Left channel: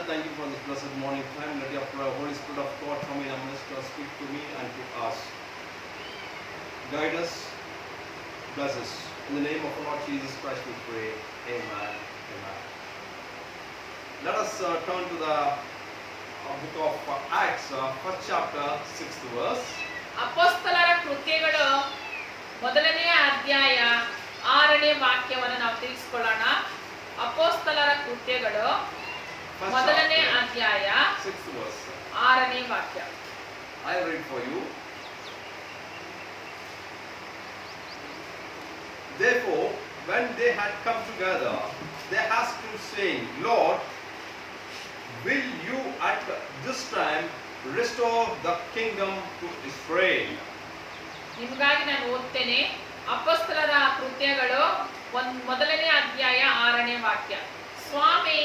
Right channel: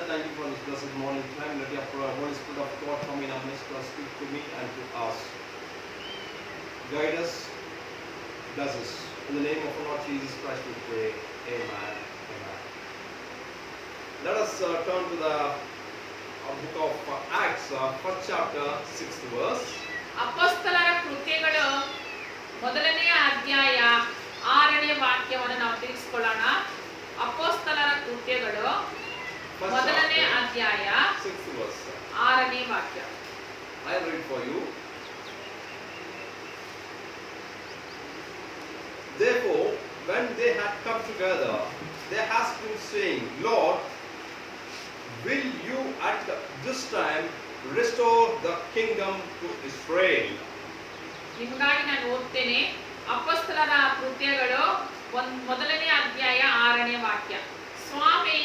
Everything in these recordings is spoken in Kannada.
Father, thank you for this blessed morning time. Let your Holy Spirit of God come in our midst to speak to me and to us. Guide us, bless us. In the name of our Lord Jesus Christ we pray. Amen. Amen. Let us turn to the book of Acts, first chapter, 6th verse. ಅಪೊಸ್ತಲರ ಕೃತ್ಯಗಳು ಮೊದಲನೆಯ ಅಧ್ಯಾಯ 6ನೇ ವಾಕ್ಯವನ್ನು ನಾವು ತಿಳಿಸಿಕೊಳ್ಳೋಣ. ಅಪೊಸ್ತಲರ ಕೃತ್ಯಗಳು ಮೊದಲನೇ ಅಧ್ಯಾಯ 6ನೇ ವಾಕ್ಯ. I read for you. Therefore, when they had come together, they asked him, saying, Lord, will you at this time restore the kingdom to Israel? ನಿಮಗಾಗಿ ನಾನು ಓದ್ತೇನೆ. ಅಪೊಸ್ತಲರ ಕೃತ್ಯಗಳು ಮೊದಲನೇ ಅಧ್ಯಾಯ 6ನೇ ವಾಕ್ಯ. ಸ್ವಾಮಿ,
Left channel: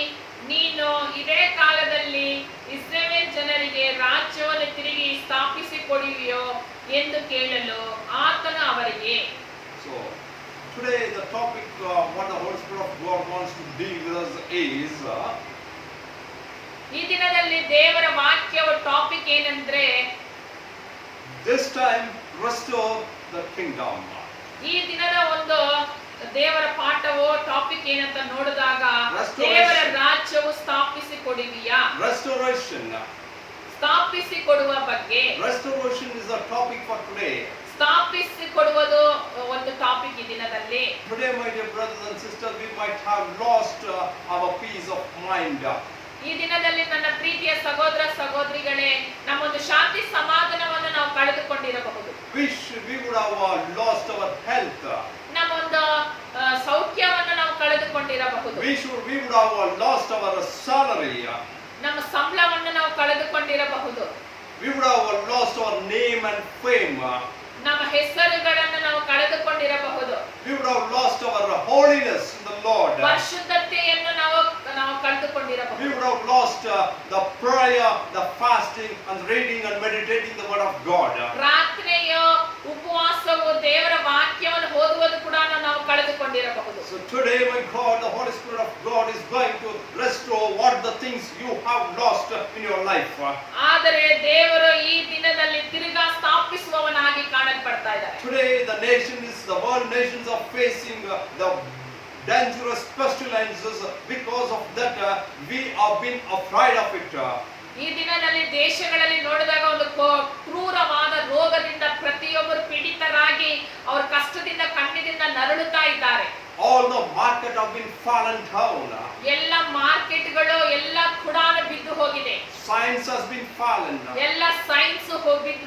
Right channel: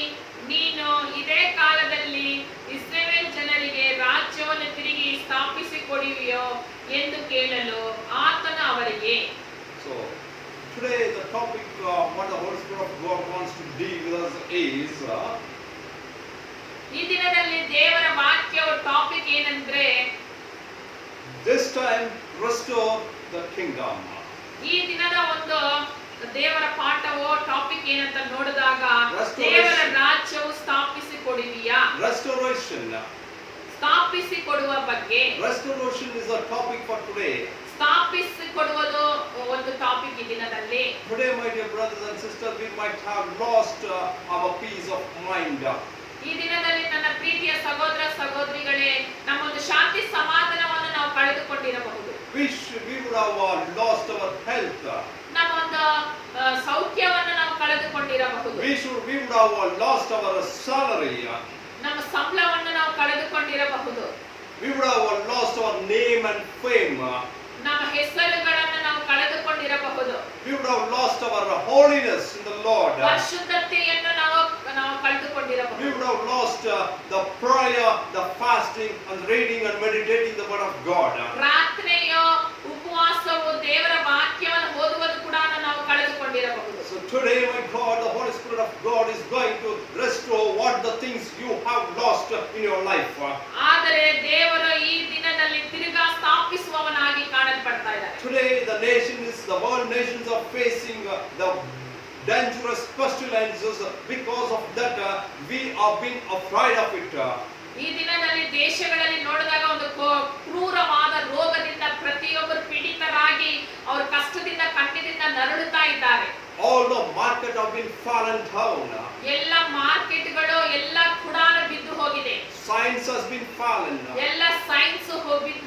ನೀನು ಇದೇ ಕಾಲದಲ್ಲಿ ಇಸ್ರಾಯೇಲ್ ಜನರಿಗೆ ರಾಜ್ಯವನ್ನು ತಿರುಗಿ ಸ್ಥಾಪಿಸಿಕೊಡುವಿಯೋ ಎಂದು ಕೇಳಲು ಆತನು ಅವರಿಗೆ. So today the topic what the Holy Spirit of God wants to deal with us is ಈ ದಿನದಲ್ಲಿ ದೇವರ ವಾಕ್ಯದ ಟಾಪಿಕ್ ಏನಂದ್ರೆ this time restore the kingdom. ಈ ದಿನದ ಒಂದು ದೇವರ ಪಾಠವು ಟಾಪಿಕ್ ಏನಂತ ನೋಡಿದಾಗ ದೇವರ ರಾಜ್ಯವು ಸ್ಥಾಪಿಸಿಕೊಡುವಿಯಾ, restoration, ಸ್ಥಾಪಿಸಿಕೊಡುವ ಬಗ್ಗೆ. restoration is a topic for today. ಸ್ಥಾಪಿಸಿಕೊಡುವುದು ಒಂದು ಟಾಪಿಕ್ ಈ ದಿನದಲ್ಲಿ. Today, my dear brothers and sisters, we might have lost our peace of mind. ಈ ದಿನದಲ್ಲಿ ನನ್ನ ಪ್ರೀತಿಯ ಸಹೋದರ ಸಹೋದರಿಗಳೇ, ನಮ್ಮೊಂದು ಶಾಂತಿ ಸಮಾಧಾನವನ್ನು ನಾವು ಕಳೆದುಕೊಂಡಿರಬಹುದು. We would have lost our health. ನಮ್ಮೊಂದು ಸೌಖ್ಯವನ್ನು ನಾವು ಕಳೆದುಕೊಂಡಿರಬಹುದು. We would have lost our salary. ನಮ್ಮ ಸಂಬಳವನ್ನು ನಾವು ಕಳೆದುಕೊಂಡಿರಬಹುದು. We would have lost our name and fame. ನಮ್ಮ ಹೆಸರುಗಳನ್ನು ನಾವು ಕಳೆದುಕೊಂಡಿರಬಹುದು. We would have lost our holiness in the Lord. ಪರಿಶುದ್ಧತೆಯನ್ನು ನಾವು ಕಳೆದುಕೊಂಡಿರಬಹುದು. We would have lost the prayer, the fasting, and reading and meditating the word of God. ಪ್ರಾರ್ಥನೆಯು, ಉಪವಾಸವು, ದೇವರ ವಾಕ್ಯವನ್ನು ಓದುವುದು ಕೂಡ ನಾವು ಕಳೆದುಕೊಂಡಿರಬಹುದು. So today, my God, the Holy Spirit of God is going to restore what the things you have lost in your life. ಆದರೆ ದೇವರು ಈ ದಿನದಲ್ಲಿ ತಿರುಗಾ ಸ್ಥಾಪಿಸುವವನಾಗಿ ಕಾಣಲ್ಪಡ್ತಾ ಇದ್ದಾರೆ. Today, the world nations are facing the dangerous pestilences. Because of that, we are being afraid of it. ಈ ದಿನದಲ್ಲಿ ದೇಶಗಳಲ್ಲಿ ನೋಡಿದಾಗ ಒಂದು ಕ್ರೂರವಾದ ರೋಗದಿಂದ ಪ್ರತಿಯೊಬ್ಬರು ಪೀಡಿತರಾಗಿ ಅವರ ಕಷ್ಟದಿಂದ ಕಣ್ಣೀರಿಂದ ನರಳುತ್ತಾ ಇದ್ದಾರೆ. All the market have been fallen down. ಎಲ್ಲ ಮಾರ್ಕೆಟ್ಗಳು ಎಲ್ಲ ಕುಡಾನ ಬಿದ್ದು ಹೋಗಿದೆ. Science has been fallen. ಎಲ್ಲ ಸೈನ್ಸ್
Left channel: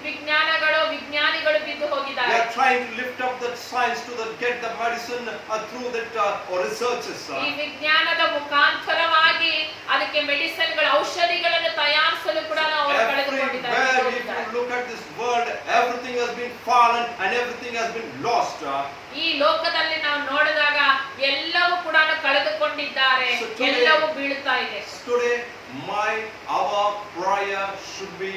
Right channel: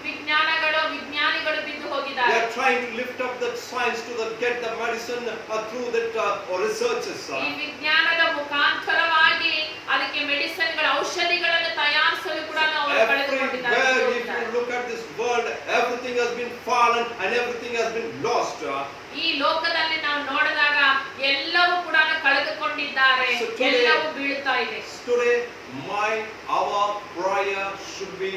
ವಿಜ್ಞಾನಿಗಳು ಬಿದ್ದು ಹೋಗಿದ್ದಾರೆ. They are trying to lift up that science to get the medicine through that researches. ಈ ವಿಜ್ಞಾನದ ಮುಖಾಂತರವಾಗಿ ಅದಕ್ಕೆ ಮೆಡಿಸಿನ್ಗಳ ಔಷಧಿಗಳನ್ನು ತಯಾರಿಸಲು ಕೂಡ ಅವರು ಕಳೆದುಕೊಂಡಿದ್ದಾರೆ. If you look at this world, everything has been fallen and everything has been lost. ಈ ಲೋಕದಲ್ಲಿ ನಾವು ನೋಡಿದಾಗ ಎಲ್ಲವೂ ಕೂಡ ಕಳೆದುಕೊಂಡಿದ್ದಾರೆ, ಎಲ್ಲವೂ ಬೀಳುತ್ತಾ ಇದೆ. Today, our prayer should be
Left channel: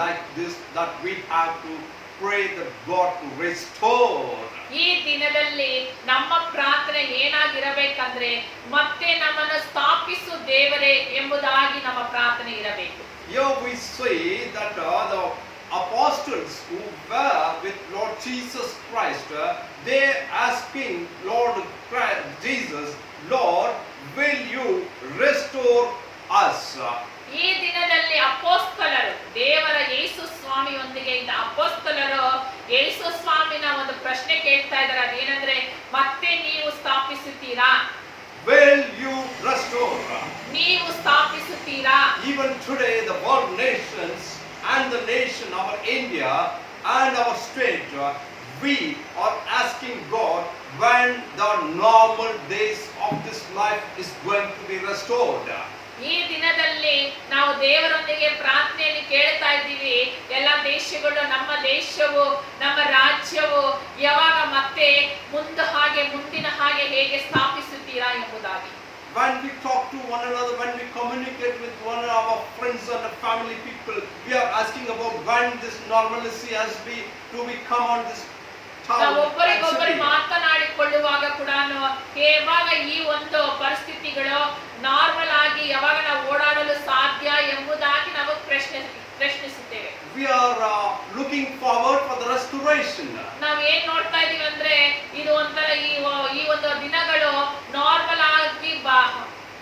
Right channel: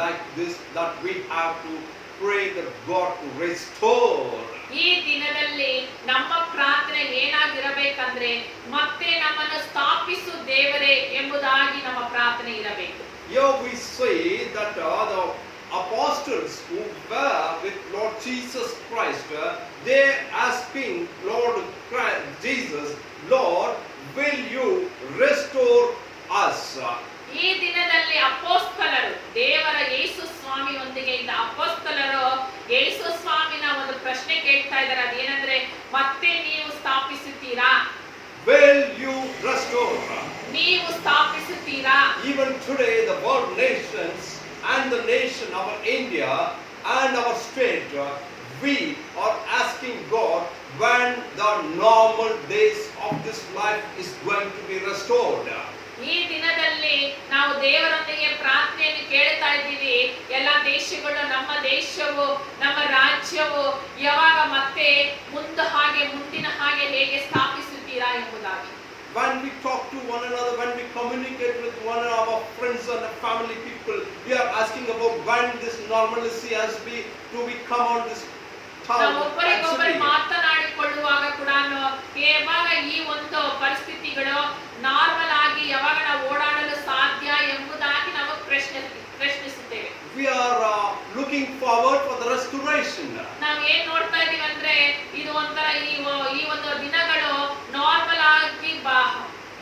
like this, that we have to pray that God to restore. ಈ ದಿನದಲ್ಲಿ ನಮ್ಮ ಪ್ರಾರ್ಥನೆ ಏನಾಗಿರಬೇಕಂದ್ರೆ ಮತ್ತೆ ನಮ್ಮನ್ನು ಸ್ಥಾಪಿಸು ದೇವರೇ ಎಂಬುದಾಗಿ ನಮ್ಮ ಪ್ರಾರ್ಥನೆ ಇರಬೇಕು. Here we see that the apostles who were with Lord Jesus Christ, they asking Lord Jesus, Lord, will you restore us? ಈ ದಿನದಲ್ಲಿ ಅಪೊಸ್ತಲರು, ದೇವರ ಯೇಸು ಸ್ವಾಮಿಯೊಂದಿಗೆ ಇದ್ದ ಅಪೊಸ್ತಲರು ಯೇಸು ಸ್ವಾಮಿನ ಒಂದು ಪ್ರಶ್ನೆ ಕೇಳ್ತಾ ಇದ್ದಾರೆ. ಅದೇನಂದ್ರೆ, ಮತ್ತೆ ನೀವು ಸ್ಥಾಪಿಸುತ್ತೀರಾ? Will you restore? ನೀವು ಸ್ಥಾಪಿಸುತ್ತೀರಾ? Even today, the world nations and the nation, our India and our state, we are asking God when the normal days of this life is going to be restored. ಈ ದಿನದಲ್ಲಿ ನಾವು ದೇವರೊಂದಿಗೆ ಪ್ರಾರ್ಥನೆಯನ್ನು ಕೇಳ್ತಾ ಇದ್ದೀವಿ. ಎಲ್ಲ ದೇಶಗಳು, ನಮ್ಮ ದೇಶವು, ನಮ್ಮ ರಾಜ್ಯವು ಯಾವಾಗ ಮತ್ತೆ ಮುಂದಿನ ಹಾಗೆ ಹೇಗೆ ಸ್ಥಾಪಿಸುತ್ತೀರಾ ಎಂಬುದಾಗಿ. When we talk to one another, when we communicate with one of our friends and family people, we are asking about when this normalcy has to come on this ನಾವು ಒಬ್ಬರಿಗೊಬ್ಬರು ಮಾತನಾಡಿಕೊಳ್ಳುವಾಗ ಕೂಡ ಯಾವಾಗ ಈ ಒಂದು ಪರಿಸ್ಥಿತಿಗಳು ನಾರ್ಮಲ್ ಆಗಿ ಯಾವಾಗ ನಾವು ಓಡಾಡಲು we are looking forward for the restoration. ನಾವ್ ಏನ್ ನೋಡ್ತಾ ಇದೀವಿ ಅಂದ್ರೆ ಇದು ಒಂಥರ ಈ ಒಂದು ದಿನಗಳು ನಾರ್ಮಲ್ ಆಗಿ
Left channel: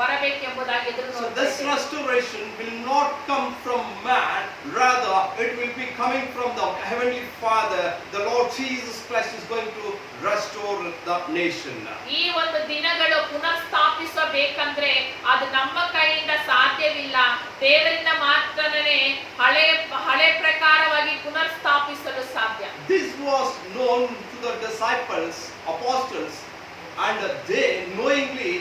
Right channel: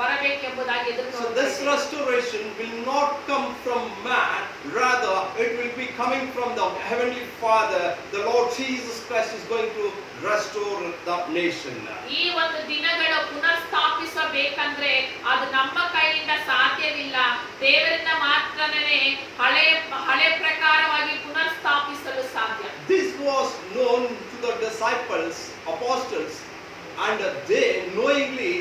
ಬರಬೇಕೆಂಬುದಾಗಿ ಎದುರು So ನೋಡ್ತಾ this ಇದ್ದೀವಿ. restoration will not come from man, rather it will be coming from the Heavenly Father. The Lord Jesus Christ is going to restore the nation. ಈ ಒಂದು ದಿನಗಳು ಪುನರ್ ಸ್ಥಾಪಿಸಬೇಕಂದ್ರೆ ಅದು ನಮ್ಮ ಕೈಯಿಂದ ಸಾಧ್ಯವಿಲ್ಲ. ದೇವರಿಂದ ಮಾತ್ರನೇ ಹಳೆ ಪ್ರಕಾರವಾಗಿ ಪುನರ್ ಸ್ಥಾಪಿಸಲು ಸಾಧ್ಯ. This was known to the disciples, apostles, and they knowingly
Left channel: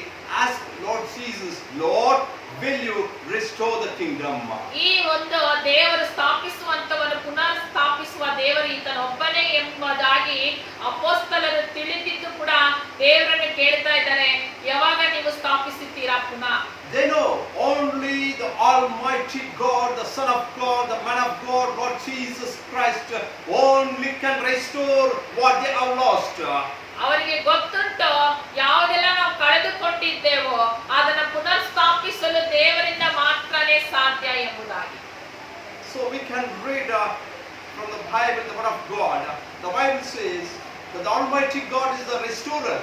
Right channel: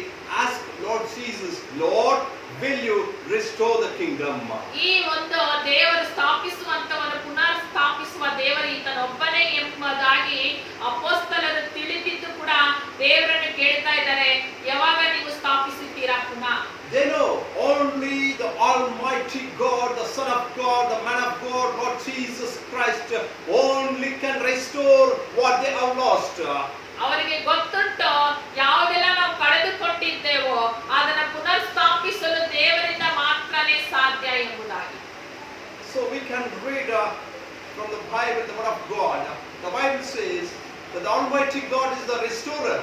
asked Lord Jesus, Lord, will you restore the kingdom? ಈ ಒಂದು ದೇವರು ಸ್ಥಾಪಿಸುವಂತವನು ಪುನರ್ ಸ್ಥಾಪಿಸುವ ದೇವರು ಈತನೊಬ್ಬನೇ ಎಂಬುದಾಗಿ ಅಪೊಸ್ತಲರು ತಿಳಿದಿದ್ದು ಕೂಡ ದೇವರನ್ನು ಕೇಳ್ತಾ ಇದ್ದಾರೆ, ಯಾವಾಗ ನೀವು ಸ್ಥಾಪಿಸುತ್ತೀರಾ ಪುನಃ? They know only the Almighty God, the Son of God, the Man of God, Lord Jesus Christ, only can restore what they have lost. ಅವರಿಗೆ ಗೊತ್ತುಂಟು ಯಾವುದೆಲ್ಲ ನಾವು ಕಳೆದುಕೊಂಡಿದ್ದೇವೋ ಅದನ್ನ ಪುನರ್ ಸ್ಥಾಪಿಸಲು ದೇವರಿಂದ ಮಾತ್ರನೇ ಸಾಧ್ಯ ಎಂಬುದಾಗಿ. So we can read from the Bible, the Word of God. The Bible says that the Almighty God is the restorer.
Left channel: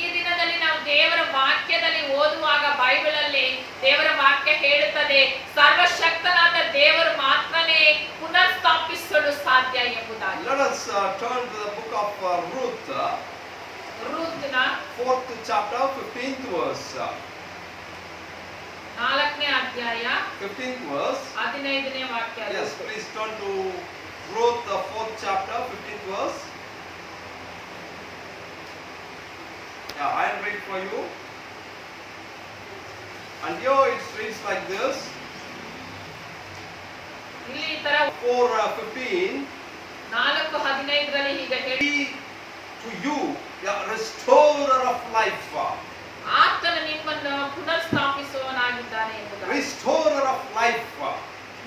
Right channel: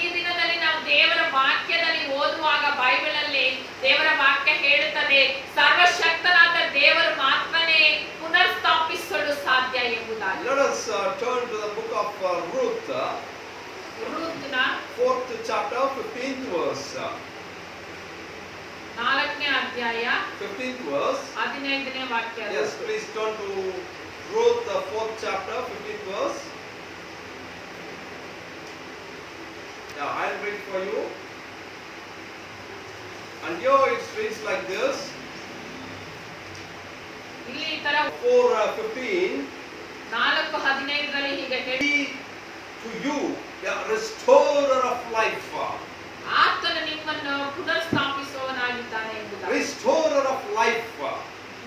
ಈ ದಿನದಲ್ಲಿ ನಾವು ದೇವರ ವಾಕ್ಯದಲ್ಲಿ ಓದುವಾಗ ಬೈಬಲ್ ಅಲ್ಲಿ ದೇವರ ವಾಕ್ಯ ಹೇಳುತ್ತದೆ, ಸರ್ವಶಕ್ತನಾದ ದೇವರು ಮಾತ್ರನೇ ಪುನರ್ ಸ್ಥಾಪಿಸಲು ಸಾಧ್ಯ ಎಂಬುದಾಗಿ. Let us turn to the book of Ruth, ರೂತ್ನ 4th chapter, 15th verse. 4ನೇ ಅಧ್ಯಾಯ 15th verse. 15ನೇ ವಾಕ್ಯ. Yes, please turn to Ruth, the 4th chapter, 15th verse. Yeah, I'll read for you. And here it reads like this. ಇಲ್ಲಿ ಈ ತರ 4:15. 4:15 ಹೀಗೆ ಹೇಳಿ, To you, the restorer of life. ಆತನು ನಿಮ್ಮನ್ನು ಪುನರ್ ಸ್ಥಾಪಿಸುವವನಾಗಿದ್ದಾನೆ ಎಂಬುದಾಗಿ. Restorer of life.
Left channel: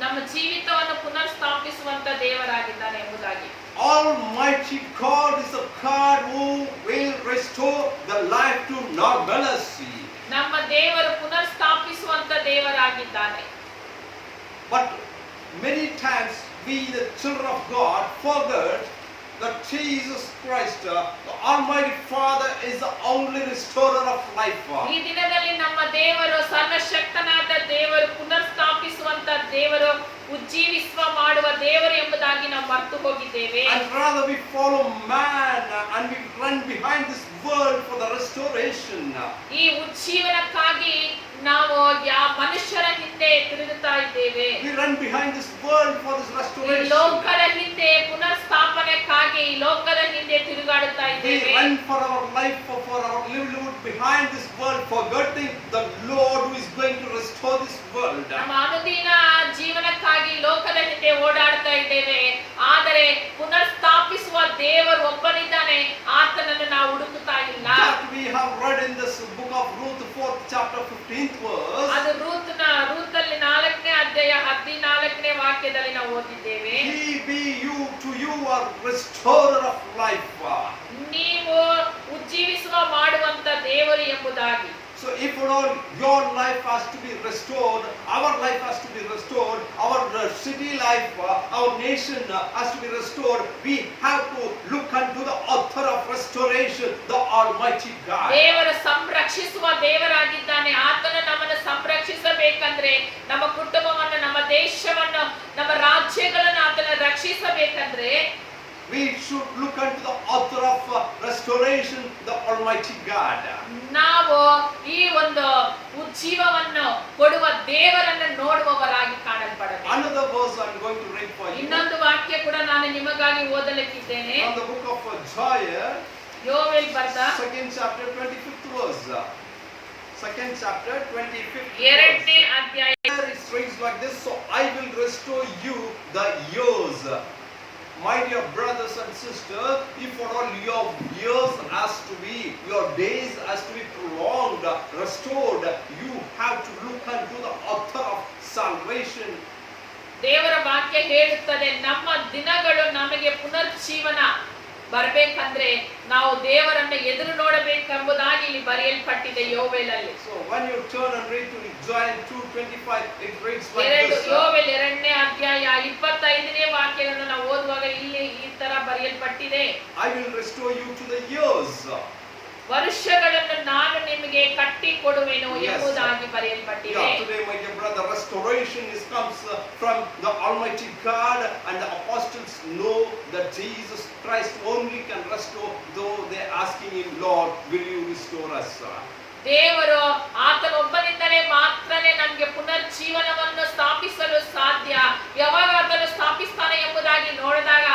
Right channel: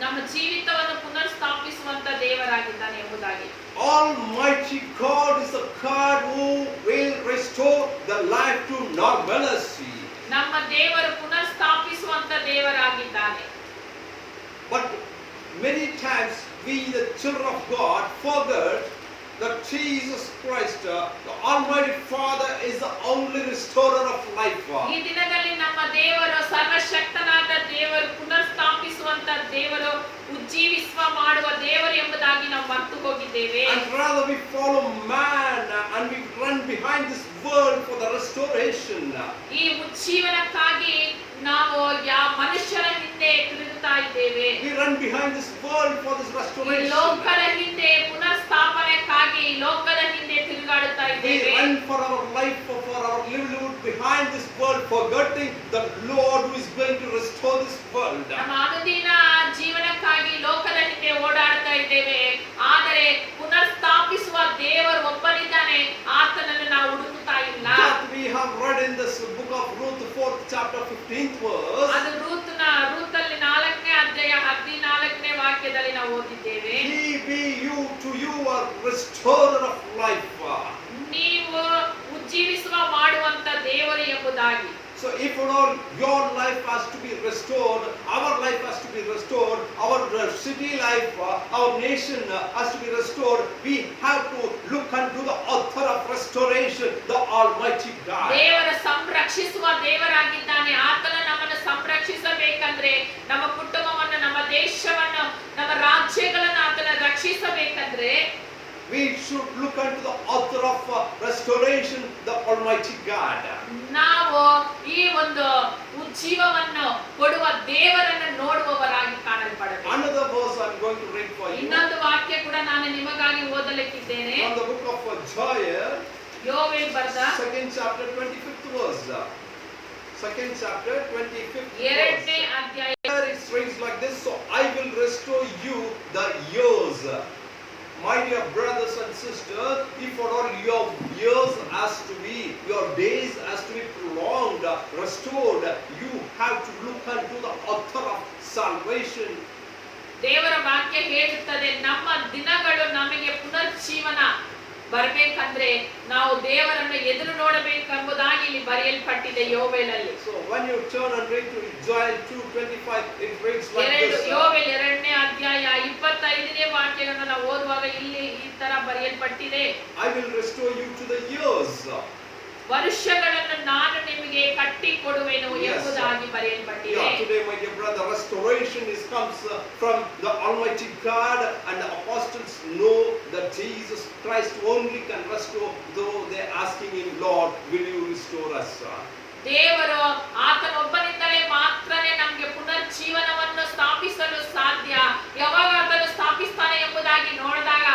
ನಮ್ಮ ಜೀವಿತವನ್ನು ಪುನರ್ ಸ್ಥಾಪಿಸುವಂತ ದೇವರಾಗಿದ್ದಾನೆ ಎಂಬುದಾಗಿ. Almighty God is a God who will restore the life to normalcy. ನಮ್ಮ ದೇವರು ಪುನರ್ ಸ್ಥಾಪಿಸುವಂತ ದೇವರಾಗಿದ್ದಾನೆ. But many times we, the children of God, forget that Jesus Christ, the Almighty Father, is the only restorer of life. ಈ ದಿನದಲ್ಲಿ ನಮ್ಮ ದೇವರು ಸರ್ವಶಕ್ತನಾದ ದೇವರು, ಪುನರ್ ಸ್ಥಾಪಿಸುವಂತ ದೇವರು, ಉಜ್ಜೀವಿಸುವ ಮಾಡುವ ದೇವರು ಎಂಬುದಾಗಿ ನಾವು ಮರೆತು ಹೋಗಿದ್ದೇವೆ. And rather we follow man and we run behind this world for the restoration. ಈ ಉಜ್ಜೀವನಕ್ಕಾಗಿ ನಾವು ಮನುಷ್ಯರ ಹಿಂದೆ ತಿರುಗುತ್ತಾ ಇದ್ದೇವೆ. We run behind this world for this ಈ restoration. ಲೋಕದ ಹಿಂದೆ ಪುನರ್ ಸ್ಥಾಪನೆಕ್ಕಾಗಿ ಈ ಲೋಕದ ಹಿಂದೆ ತಿರುಗಾಡುತ್ತಾ We ಇದ್ದೇವೆ. run for our life, for our livelihood behind this world, forgetting the Lord who is going to restore this world. ನಮ್ಮ ಅನುದಿನ ಜೀವನಕ್ಕಾಗಿ ಲೋಕದ ಹಿಂದೆ ಓಡಾಡ್ತಾ ಇದ್ದೇವೆ, ಆದರೆ ಪುನರ್ ಸ್ಥಾಪಿಸುವ ದೇವರು ಒಬ್ಬನಿದ್ದಾನೆ, ಆತನನ್ನು ನಾವು ಹುಡುಕುತ್ತಾ ಇಲ್ಲ. That we have read in this book of Ruth, 4th chapter, 15th verse. ಅದು ರೂತಲ್ಲಿ 4ನೇ ಅಧ್ಯಾಯ 14ನೇ ವಾಕ್ಯದಲ್ಲಿ ನಾವು ಓದಿದ್ದೇವೆ. He be you, to you are restorer of life. ನೀವು ಉಜ್ಜೀವಿಸುವ ಮಾಡುವಂತ ದೇವರು ಎಂಬುದಾಗಿ. So if your life has to be restored, our life has to be restored, our city life, our nation has to be restored, we have to look unto the author of restoration, the Almighty God. ದೇವರು ಸಂರಕ್ಷಿಸುವ ದೇವರಾಗಿದ್ದಾನೆ. ಆತನು ನಮ್ಮನ್ನು ಸಂರಕ್ಷಿಸಬೇಕಂದ್ರೆ, ನಮ್ಮ ಕುಟುಂಬವನ್ನು, ನಮ್ಮ ದೇಶವನ್ನು, ನಮ್ಮ ರಾಜ್ಯಗಳನ್ನು ಆತನ ರಕ್ಷಿಸಬೇಕಂದ್ರೆ we should look unto the author of restoration, the Almighty God. ನಾವು ಈ ಒಂದು ಉಜ್ಜೀವವನ್ನು ಕೊಡುವ ದೇವರನ್ನು ನೋಡುವವರಾಗಿ ಕಾಣಲ್ಪಡಬೇಕು. Another verse I am going to read for you. ಇನ್ನೊಂದು ವಾಕ್ಯ ಕೂಡ ನಾನು ನಿಮಗಾಗಿ ಓದಲಿಕ್ಕಿದ್ದೇನೆ. From the book of Joel, ಯೋವೇಲ್ ಬರೆದ 2nd chapter, 25th verse. 2nd chapter, 25th verse. 2ನೇ ಅಧ್ಯಾಯ. It reads like this. So I will restore you the years. My dear brothers and sisters, if for all your years has to be, your days has to be prolonged, restored, you have to look unto the author of salvation. ದೇವರ ವಾಕ್ಯ ಹೇಳುತ್ತದೆ, ನಮ್ಮ ದಿನಗಳು ನಮಗೆ ಪುನರ್ಜೀವನ ಬರ್ಬೇಕಂದ್ರೆ ನಾವು ದೇವರನ್ನ ಎದುರು ನೋಡಬೇಕೆಂಬುದಾಗಿ ಇಲ್ಲಿ ಬರೆಯಲ್ಪಟ್ಟಿದೆ ಯೋವೇಲಲ್ಲಿ. So when you turn and read to Joel 2:25, it reads like this. ಯೋವೇಲ್ 2ನೇ ಅಧ್ಯಾಯ 25ನೇ ವಾಕ್ಯವನ್ನು ನಾವು ಓದುವಾಗ ಇಲ್ಲಿ ಈ ತರ ಬರೆಯಲ್ಪಟ್ಟಿದೆ. I will restore you to the years. ವರ್ಷಗಳನ್ನು ನಾನು ನಿಮಗೆ ಕಟ್ಟಿ ಕೊಡುವೆನು ಎಂಬುದಾಗಿ ಬರೆಯಲ್ಪಟ್ಟಿದೆ. Yeah, today my dear brother, restoration comes from the Almighty God, and the apostles know that Jesus Christ only can restore, though they are asking him, Lord, will you restore us? ದೇವರು ಆತನೊಬ್ಬನಿಂದಲೇ ಮಾತ್ರನೇ ನಮಗೆ ಪುನರ್ಜೀವನವನ್ನು ಸ್ಥಾಪಿಸಲು ಸಾಧ್ಯ. ಯಾವಾಗ ಆತನು ಸ್ಥಾಪಿಸ್ತಾನೆ ಎಂಬುದಾಗಿ ನೋಡಿದಾಗ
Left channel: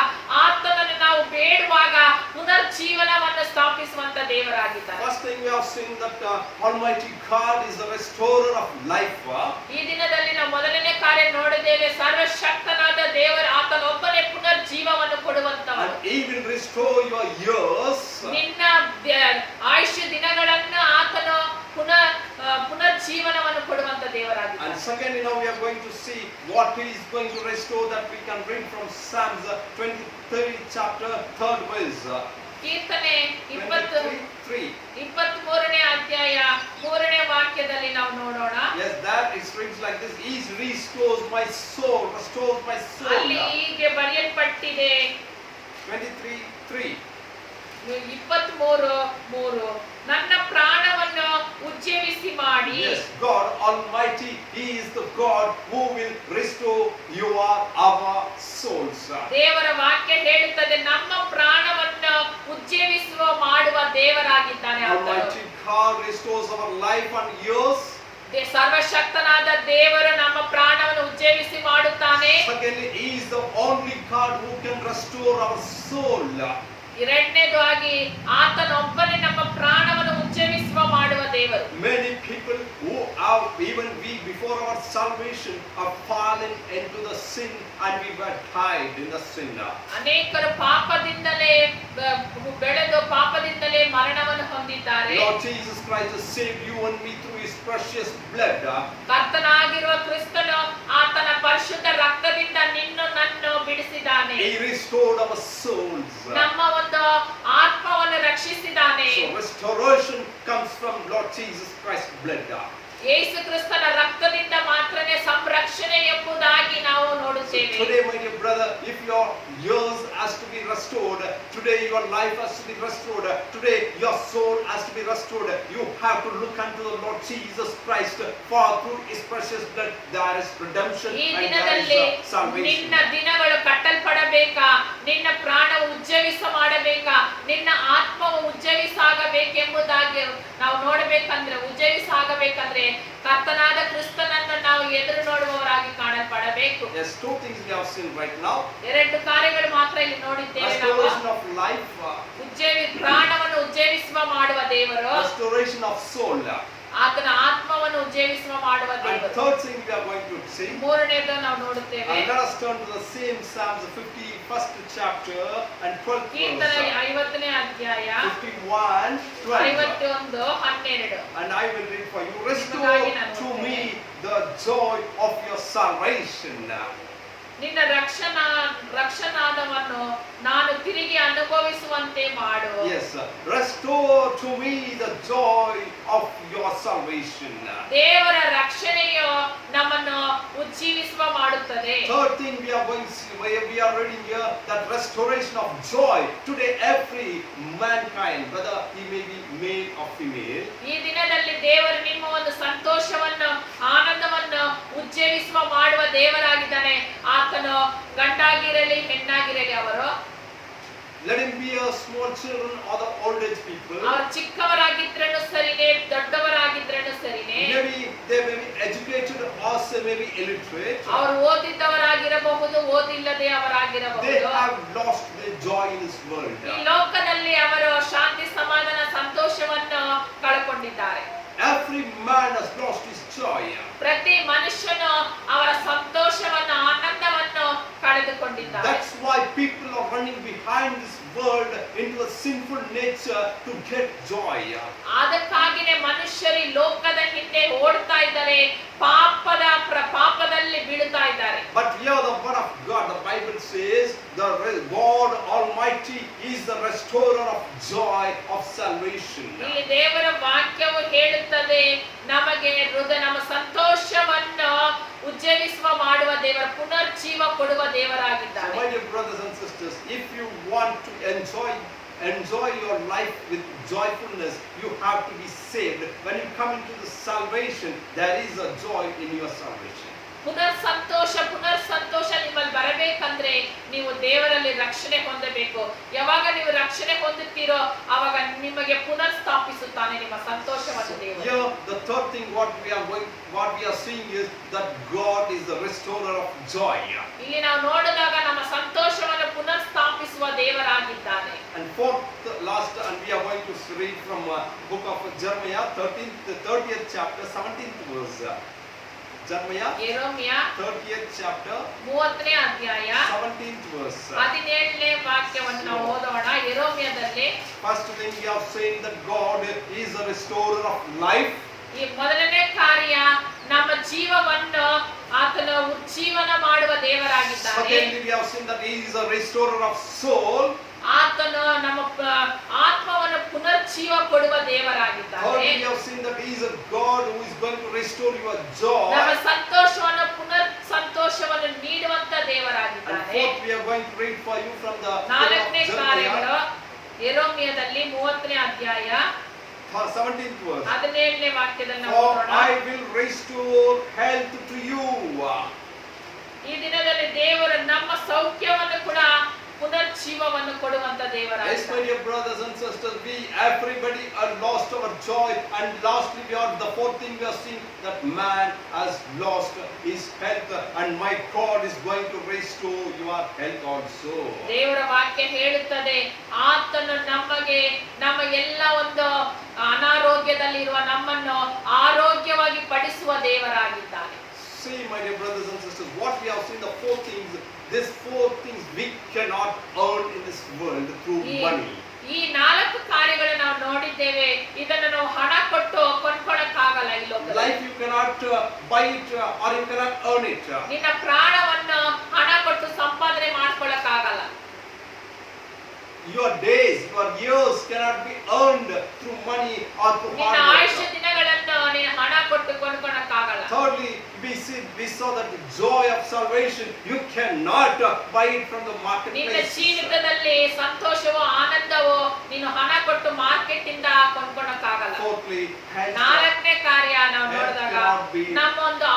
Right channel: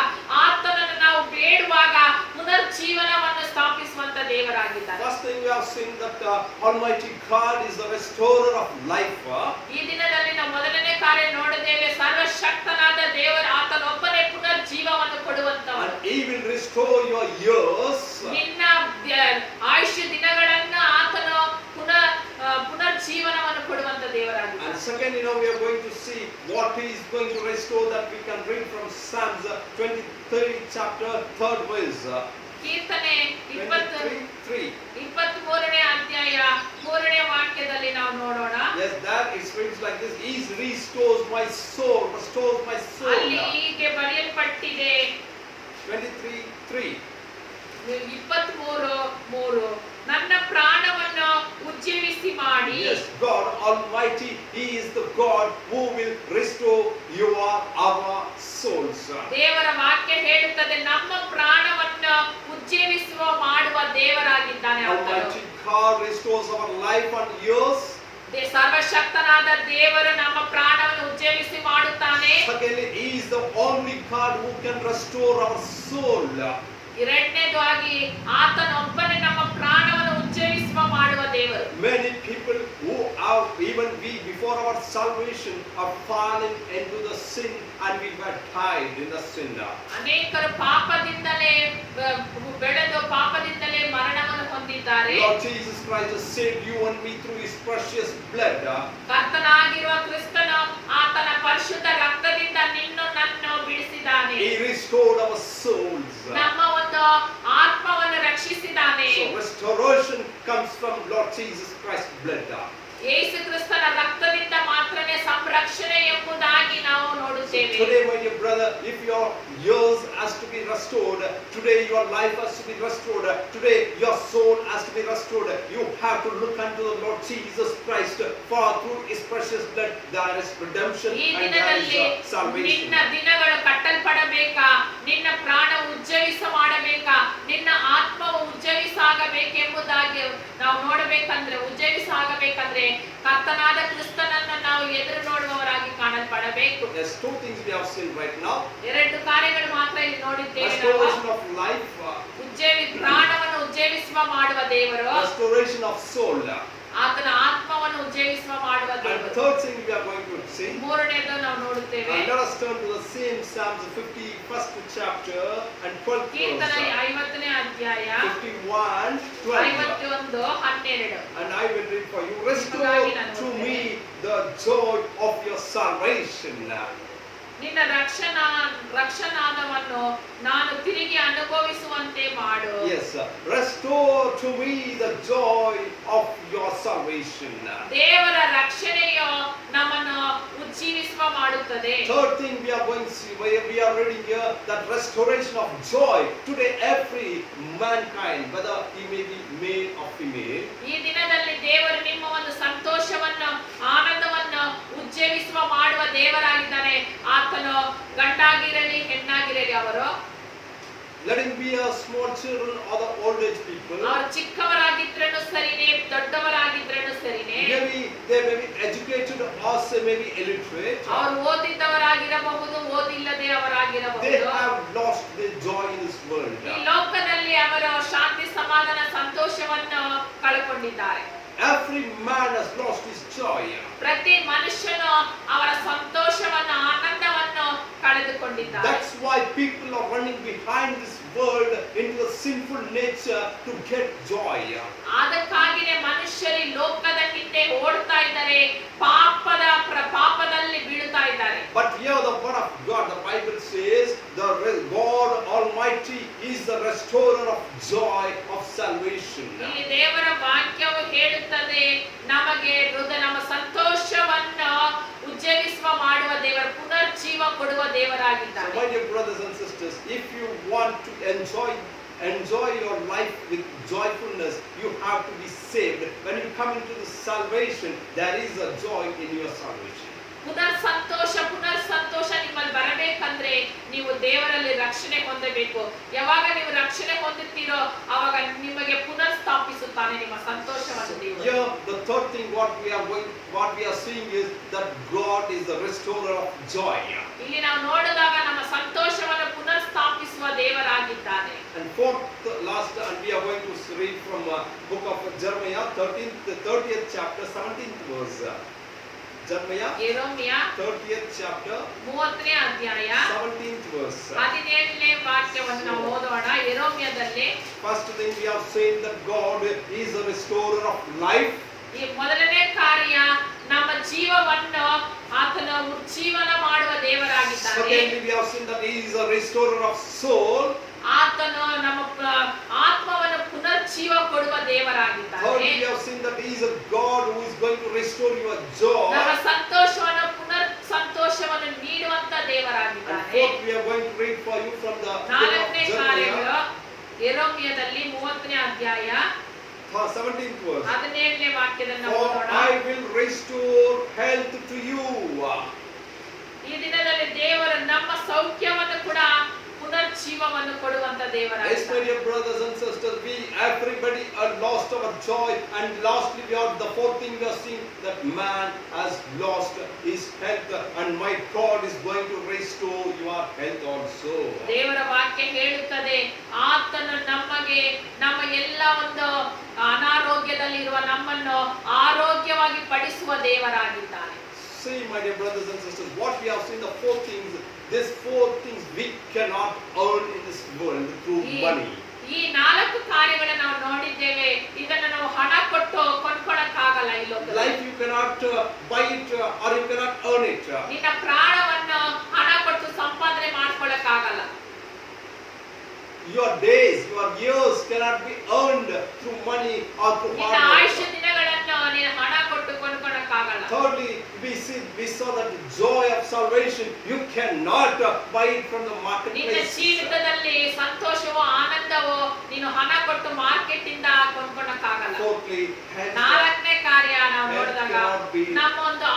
ಆತನನ್ನು ನಾವು ಬೇಡುವಾಗ ಪುನರ್ಜೀವನವನ್ನು ಸ್ಥಾಪಿಸುವಂತ ದೇವರಾಗಿದ್ದಾನೆ. First thing we have seen that Almighty God is the restorer of life. ಈ ದಿನದಲ್ಲಿ ನಾವು ಮೊದಲನೇ ಕಾರ್ಯ ನೋಡಿದ್ದೇವೆ, ಸರ್ವಶಕ್ತನಾದ ದೇವರು ಆತನೊಬ್ಬನೇ ಪುನರ್ಜೀವವನ್ನು ಕೊಡುವಂತವನು. And he will restore your years. ನಿನ್ನ ಆಯುಷ್ಯ ದಿನಗಳನ್ನು ಆತನು ಪುನರ್ಜೀವನವನ್ನು ಕೊಡುವಂತ ದೇವರಾಗಿದ್ದಾನೆ. And second, we are going to see what he is going to restore, that we can read from Psalms 23 chapter 3rd verse. ಕೀರ್ತನೆ 23ನೇ ಅಧ್ಯಾಯ 3ನೇ ವಾಕ್ಯದಲ್ಲಿ ನಾವು ನೋಡೋಣ. Yes, that it reads like this: he restores my soul, restores my soul. ಅಲ್ಲಿ ಹೀಗೆ ಬರೆಯಲ್ಪಟ್ಟಿದೆ 23:3. 23:3 ನನ್ನ ಪ್ರಾಣವನ್ನು ಉಜ್ಜೀವಿಸಿ ಮಾಡಿ. Yes, God Almighty, he is the God who will restore our souls. ದೇವರ ವಾಕ್ಯ ಹೇಳುತ್ತದೆ ನಮ್ಮ ಪ್ರಾಣವನ್ನು ಉಜ್ಜೀವಿಸುವ ಮಾಡುವ ದೇವರಾಗಿದ್ದಾನೆ. Almighty God restores our life and years. ಸರ್ವಶಕ್ತನಾದ ದೇವರು ನಮ್ಮ ಪ್ರಾಣವನ್ನು ಉಜ್ಜೀವಿಸಿ ಮಾಡುತ್ತಾನೆ. Secondly, he is the only God who can restore our soul. ಎರಡನೇದಾಗಿ ಆತನೊಬ್ಬನೇ ನಮ್ಮ ಪ್ರಾಣವನ್ನು ಉಜ್ಜೀವಿಸುವ ಮಾಡುವ ದೇವರು. Many people who have, even we before our salvation, have fallen into the sin and we were died in the sin. ಅನೇಕರು ಪಾಪದಿಂದಲೇ ಬೆಳೆದು ಪಾಪದಿಂದಲೇ ಮರಣವನ್ನು ಹೊಂದಿದ್ದಾರೆ. Lord Jesus Christ has saved you and me through his precious blood. ಕರ್ತನಾಗಿರುವ ಕ್ರಿಸ್ತನು ಆತನ ಪರಿಶುದ್ಧ ರಕ್ತದಿಂದ ನಿನ್ನನ್ನು ನನ್ನನ್ನು ಬಿಡಿಸಿದ್ದಾನೆ. He restored our souls. ನಮ್ಮ ಒಂದು ಆತ್ಮವನ್ನು ರಕ್ಷಿಸಿದ್ದಾನೆ. So restoration comes from Lord Jesus Christ's blood. ಯೇಸು ಕ್ರಿಸ್ತನ ರಕ್ತದಿಂದ ಮಾತ್ರನೇ ಸಂರಕ್ಷಣೆ ಎಂಬುದಾಗಿ ನಾವು ನೋಡುತ್ತೇವೆ. Today, my dear brother, if your years has to be restored, today your life has to be restored, today your soul has to be restored, you have to look unto the Lord Jesus Christ, for through his precious blood there is redemption and there is salvation. ನಿನ್ನ ದಿನಗಳು ಕಟ್ಟಲ್ಪಡಬೇಕಾ, ನಿನ್ನ ಪ್ರಾಣವು ಉಜ್ಜೀವಿಸ ಮಾಡಬೇಕಾ, ನಿನ್ನ ಆತ್ಮವು ಉಜ್ಜೀವಿಸಾಗಬೇಕೆಂಬುದಾಗಿ ನಾವು ನೋಡಬೇಕಂದ್ರೆ, ಉಜ್ಜೀವಿಸಾಗಬೇಕಂದ್ರೆ ಕರ್ತನಾದ ಕ್ರಿಸ್ತನನ್ನು ನಾವು ಎದುರು ನೋಡುವವರಾಗಿ ಕಾಣಲ್ಪಡಬೇಕು. Yes, two things we have seen right now. ಎರಡು ಕಾರ್ಯಗಳು ಮಾತ್ರ ಇಲ್ಲಿ ನೋಡಿದ್ದೇವೆ ನಾವು. Restoration of life, ಪ್ರಾಣವನ್ನು ಉಜ್ಜೀವಿಸುವ ಮಾಡುವ ದೇವರು. restoration of soul, ಆತನ ಆತ್ಮವನ್ನು ಉಜ್ಜೀವಿಸುವ ಮಾಡುವ and ದೇವರು. third thing we are going to see. ಮೂರನೇದು ನಾವು ನೋಡುತ್ತೇವೆ. And let us turn to the same Psalms 51st chapter and 12th ಕೀರ್ತನೆ verse. 50ನೇ ಅಧ್ಯಾಯ 51:12. 51:12. And I will read for you. Restore to me the joy of your salvation. ನಿನ್ನ ರಕ್ಷಣಾದವನ್ನು ನಾನು ತಿರುಗಿ ಅನುಭವಿಸುವಂತೆ ಮಾಡು. Yes, restore to me the joy of your salvation. ದೇವರ ರಕ್ಷಣೆಯು ನಮ್ಮನ್ನು ಉಜ್ಜೀವಿಸುವ ಮಾಡುತ್ತದೆ. Third thing we are going to see, we are reading here, that restoration of joy. Today every mankind, whether he may be male or female, ಈ ದಿನದಲ್ಲಿ ದೇವರು ನಿಮ್ಮ ಒಂದು ಸಂತೋಷವನ್ನು ಆನಂದವನ್ನು ಉಜ್ಜೀವಿಸುವ ಮಾಡುವ ದೇವರಾಗಿದ್ದಾನೆ. ಆತನು ಗಂಡಾಗಿರಲಿ ಹೆಣ್ಣಾಗಿರಲಿ, ಅವರು let him be a small children or the old age people. ಅವರು ಚಿಕ್ಕವರಾಗಿದ್ರೇನು ಸರಿನೇ, ದೊಡ್ಡವರಾಗಿದ್ರೇನು ಸರಿನೇ. Maybe they may be educated or they may be illiterate. ಅವರು ಓದಿದ್ದವರಾಗಿರಬಹುದು, ಓದಿಲ್ಲದೆ They ಅವರಾಗಿರಬಹುದು. have lost their joy in this world. ಈ ಲೋಕದಲ್ಲಿ ಅವರು ಶಾಂತಿ ಸಮಾಧಾನ ಸಂತೋಷವನ್ನು ಕಳ್ಕೊಂಡಿದ್ದಾರೆ. Every man has lost his joy. ಪ್ರತಿ ಮನುಷ್ಯನು ಅವರ ಸಂತೋಷವನ್ನು ಆನಂದವನ್ನು ಕಳೆದುಕೊಂಡಿದ್ದಾರೆ. That's why people are running behind this world into a sinful nature to get joy. ಅದಕ್ಕಾಗಿನೇ ಮನುಷ್ಯರು ಲೋಕದ ಹಿಂದೆ ಓಡ್ತಾ ಇದ್ದಾರೆ, ಪಾಪದಲ್ಲಿ ಬೀಳುತ್ತಾ ಇದ್ದಾರೆ. But here the word of God, the Bible says, the God Almighty is the restorer of joy of salvation. ಇಲ್ಲಿ ದೇವರ ವಾಕ್ಯವು ಹೇಳುತ್ತದೆ ನಮಗೆ ನಮ್ಮ ಸಂತೋಷವನ್ನು ಉಜ್ಜೀವಿಸುವ ಮಾಡುವ ದೇವರ ಪುನರ್ಜೀವ ಕೊಡುವ ದೇವರಾಗಿದ್ದಾನೆ. My dear brothers and sisters, if you want to enjoy your life with joyfulness, you have to be saved. When you come into the salvation, there is a joy in your salvation. ಪುನರ್ ಸಂತೋಷ ನಿಮ್ಮಲ್ಲಿ ಬರಬೇಕಂದ್ರೆ ನೀವು ದೇವರಲ್ಲಿ ರಕ್ಷಣೆ ಹೊಂದಬೇಕು. ಯಾವಾಗ ನೀವು ರಕ್ಷಣೆ ಹೊಂದುತ್ತೀರೋ ಆವಾಗ ನಿಮಗೆ ಪುನರ್ ಸ್ಥಾಪಿಸುತ್ತಾನೆ ನಿಮ್ಮ ಸಂತೋಷವನ್ನು ದೇವರು. Here the third thing what we are seeing is that God is the restorer of joy. ಇಲ್ಲಿ ನಾವು ನೋಡಿದಾಗ ನಮ್ಮ ಸಂತೋಷವನ್ನು ಪುನರ್ ಸ್ಥಾಪಿಸುವ ದೇವರಾಗಿದ್ದಾನೆ. And fourth last, and we are going to read from book of Jeremiah 30th chapter 17th verse. Jeremiah 30th chapter 30ನೇ ಅಧ್ಯಾಯ 17th verse. 17ನೇ ವಾಕ್ಯವನ್ನು ನಾವು ಓದೋಣ. ಯೆರೆಮೀಯದಲ್ಲಿ First thing we have seen that God is a restorer of life. ಈ ಮೊದಲನೇ ಕಾರ್ಯ ನಮ್ಮ ಜೀವವನ್ನು ಆತನ ಉಜ್ಜೀವನ ಮಾಡುವ ದೇವರಾಗಿದ್ದಾನೆ. Secondly we have seen that he is a restorer of soul. ಆತನು ನಮ್ಮ ಆತ್ಮವನ್ನು ಪುನರ್ಜೀವ ಕೊಡುವ ದೇವರಾಗಿದ್ದಾನೆ. Thirdly we have seen that he is a God who is going to restore your joy. ನಮ್ಮ ಸಂತೋಷವನ್ನು ನೀಡುವಂತ ದೇವರಾಗಿದ್ದಾನೆ. And fourth we are going to read for you from the ನಾಲ್ಕನೇ ಕಾರ್ಯಗಳು ಯೆರೆಮೀಯದಲ್ಲಿ 30ನೇ ಅಧ್ಯಾಯ 17th verse. 17ನೇ ವಾಕ್ಯದಲ್ಲಿ For ಓದೋಣ. I will restore health to you. ಈ ದಿನದಲ್ಲಿ ದೇವರು ನಮ್ಮ ಸೌಖ್ಯವನ್ನು ಕೂಡ ಪುನರ್ಜೀವವನ್ನು ಕೊಡುವಂತ Yes, my ದೇವರಾಗಿದ್ದಾನೆ. dear brothers and sisters, everybody are lost our joy, and lastly we are the fourth thing we are seeing that man has lost his health, and my God is going to restore your health also. ದೇವರ ವಾಕ್ಯ ಹೇಳುತ್ತದೆ ಆತನು ನಮಗೆ ನಮ್ಮ ಎಲ್ಲ ಒಂದು ಅನಾರೋಗ್ಯದಲ್ಲಿರುವ ನಮ್ಮನ್ನು ಆರೋಗ್ಯವಾಗಿ ಪಡಿಸುವ ದೇವರಾಗಿದ್ದಾನೆ. See, my dear brothers and sisters, what we have seen, the four things, these four things we cannot earn in this world through money. ಈ ನಾಲ್ಕು ಕಾರ್ಯಗಳನ್ನು ನಾವು ನೋಡಿದ್ದೇವೆ. ಇದನ್ನು ನಾವು ಹಣ ಕೊಟ್ಟು ಕೊಂಡ್ಕೊಳ್ಳಕ್ಕಾಗಲ್ಲ ಈ ಲೋಕದಲ್ಲಿ. Life you cannot buy it or you cannot earn it. ನಿನ್ನ ಪ್ರಾಣವನ್ನು ಹಣ ಕೊಟ್ಟು ಸಂಪಾದನೆ ಮಾಡ್ಕೊಳ್ಳಕ್ಕಾಗಲ್ಲ. Your days, your years cannot be earned through money or through ನಿನ್ನ hard ಆಯುಷ್ಯ work. ದಿನಗಳನ್ನು ನೀನು ಹಣ ಕೊಟ್ಟು ಕೊಂಡ್ಕೊಳ್ಳಕ್ಕಾಗಲ್ಲ. Thirdly, we saw that the joy of salvation you cannot buy it from the ನಿನ್ನ marketplace. ಜೀವಿತದಲ್ಲಿ ಸಂತೋಷವೋ ಆನಂದವೋ ನೀನು ಹಣ ಕೊಟ್ಟು ಮಾರ್ಕೆಟ್ ಇಂದ ಕೊಂಡ್ಕೊಳ್ಳಕ್ಕಾಗಲ್ಲ. Fourthly, health ನಾಲ್ಕನೇ ಕಾರ್ಯ ನಾವು ನೋಡಿದಾಗ ನಮ್ಮ ಒಂದು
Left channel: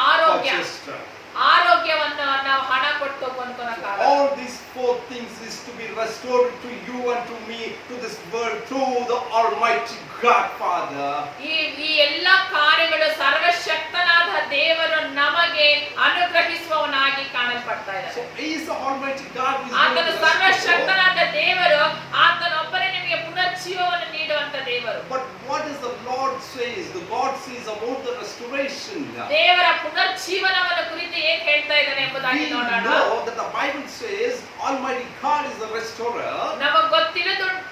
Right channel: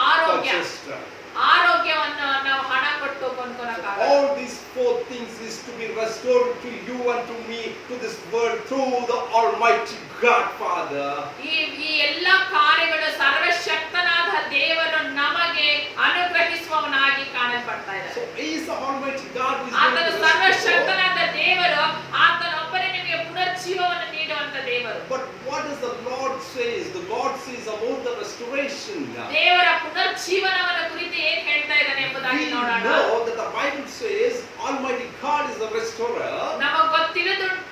ಆರೋಗ್ಯವನ್ನು ನಾವು ಹಣ ಕೊಟ್ಟು ಕೊಂಡ್ಕೊಳ್ಳಕ್ಕಾಗಲ್ಲ. All these four things is to be restored to you and to me, to this world, through the Almighty God Father. ಈ ಎಲ್ಲ ಕಾರ್ಯಗಳು ಸರ್ವಶಕ್ತನಾದ ದೇವರು ನಮಗೆ ಅನುಗ್ರಹಿಸುವವನಾಗಿ ಕಾಣಲ್ಪಡ್ತಾ So ಇದ್ದಾರೆ. He is the Almighty God who is going ಆತನು to restore. ಸರ್ವಶಕ್ತನಾದ ದೇವರು, ಆತನೊಬ್ಬನೇ ನಿಮಗೆ ಪುನರ್ಜೀವವನ್ನು ನೀಡುವಂತ ದೇವರು. But what does the Lord says? The God says about the restoration. ದೇವರ ಪುನರ್ಜೀವನವನ್ನು ಕುರಿತು ಏನ್ ಹೇಳ್ತಾ ಇದ್ದಾನೆ ಎಂಬುದಾಗಿ We ನೋಡೋಣ. know that the Bible says Almighty God is the restorer. ನಮಗೆ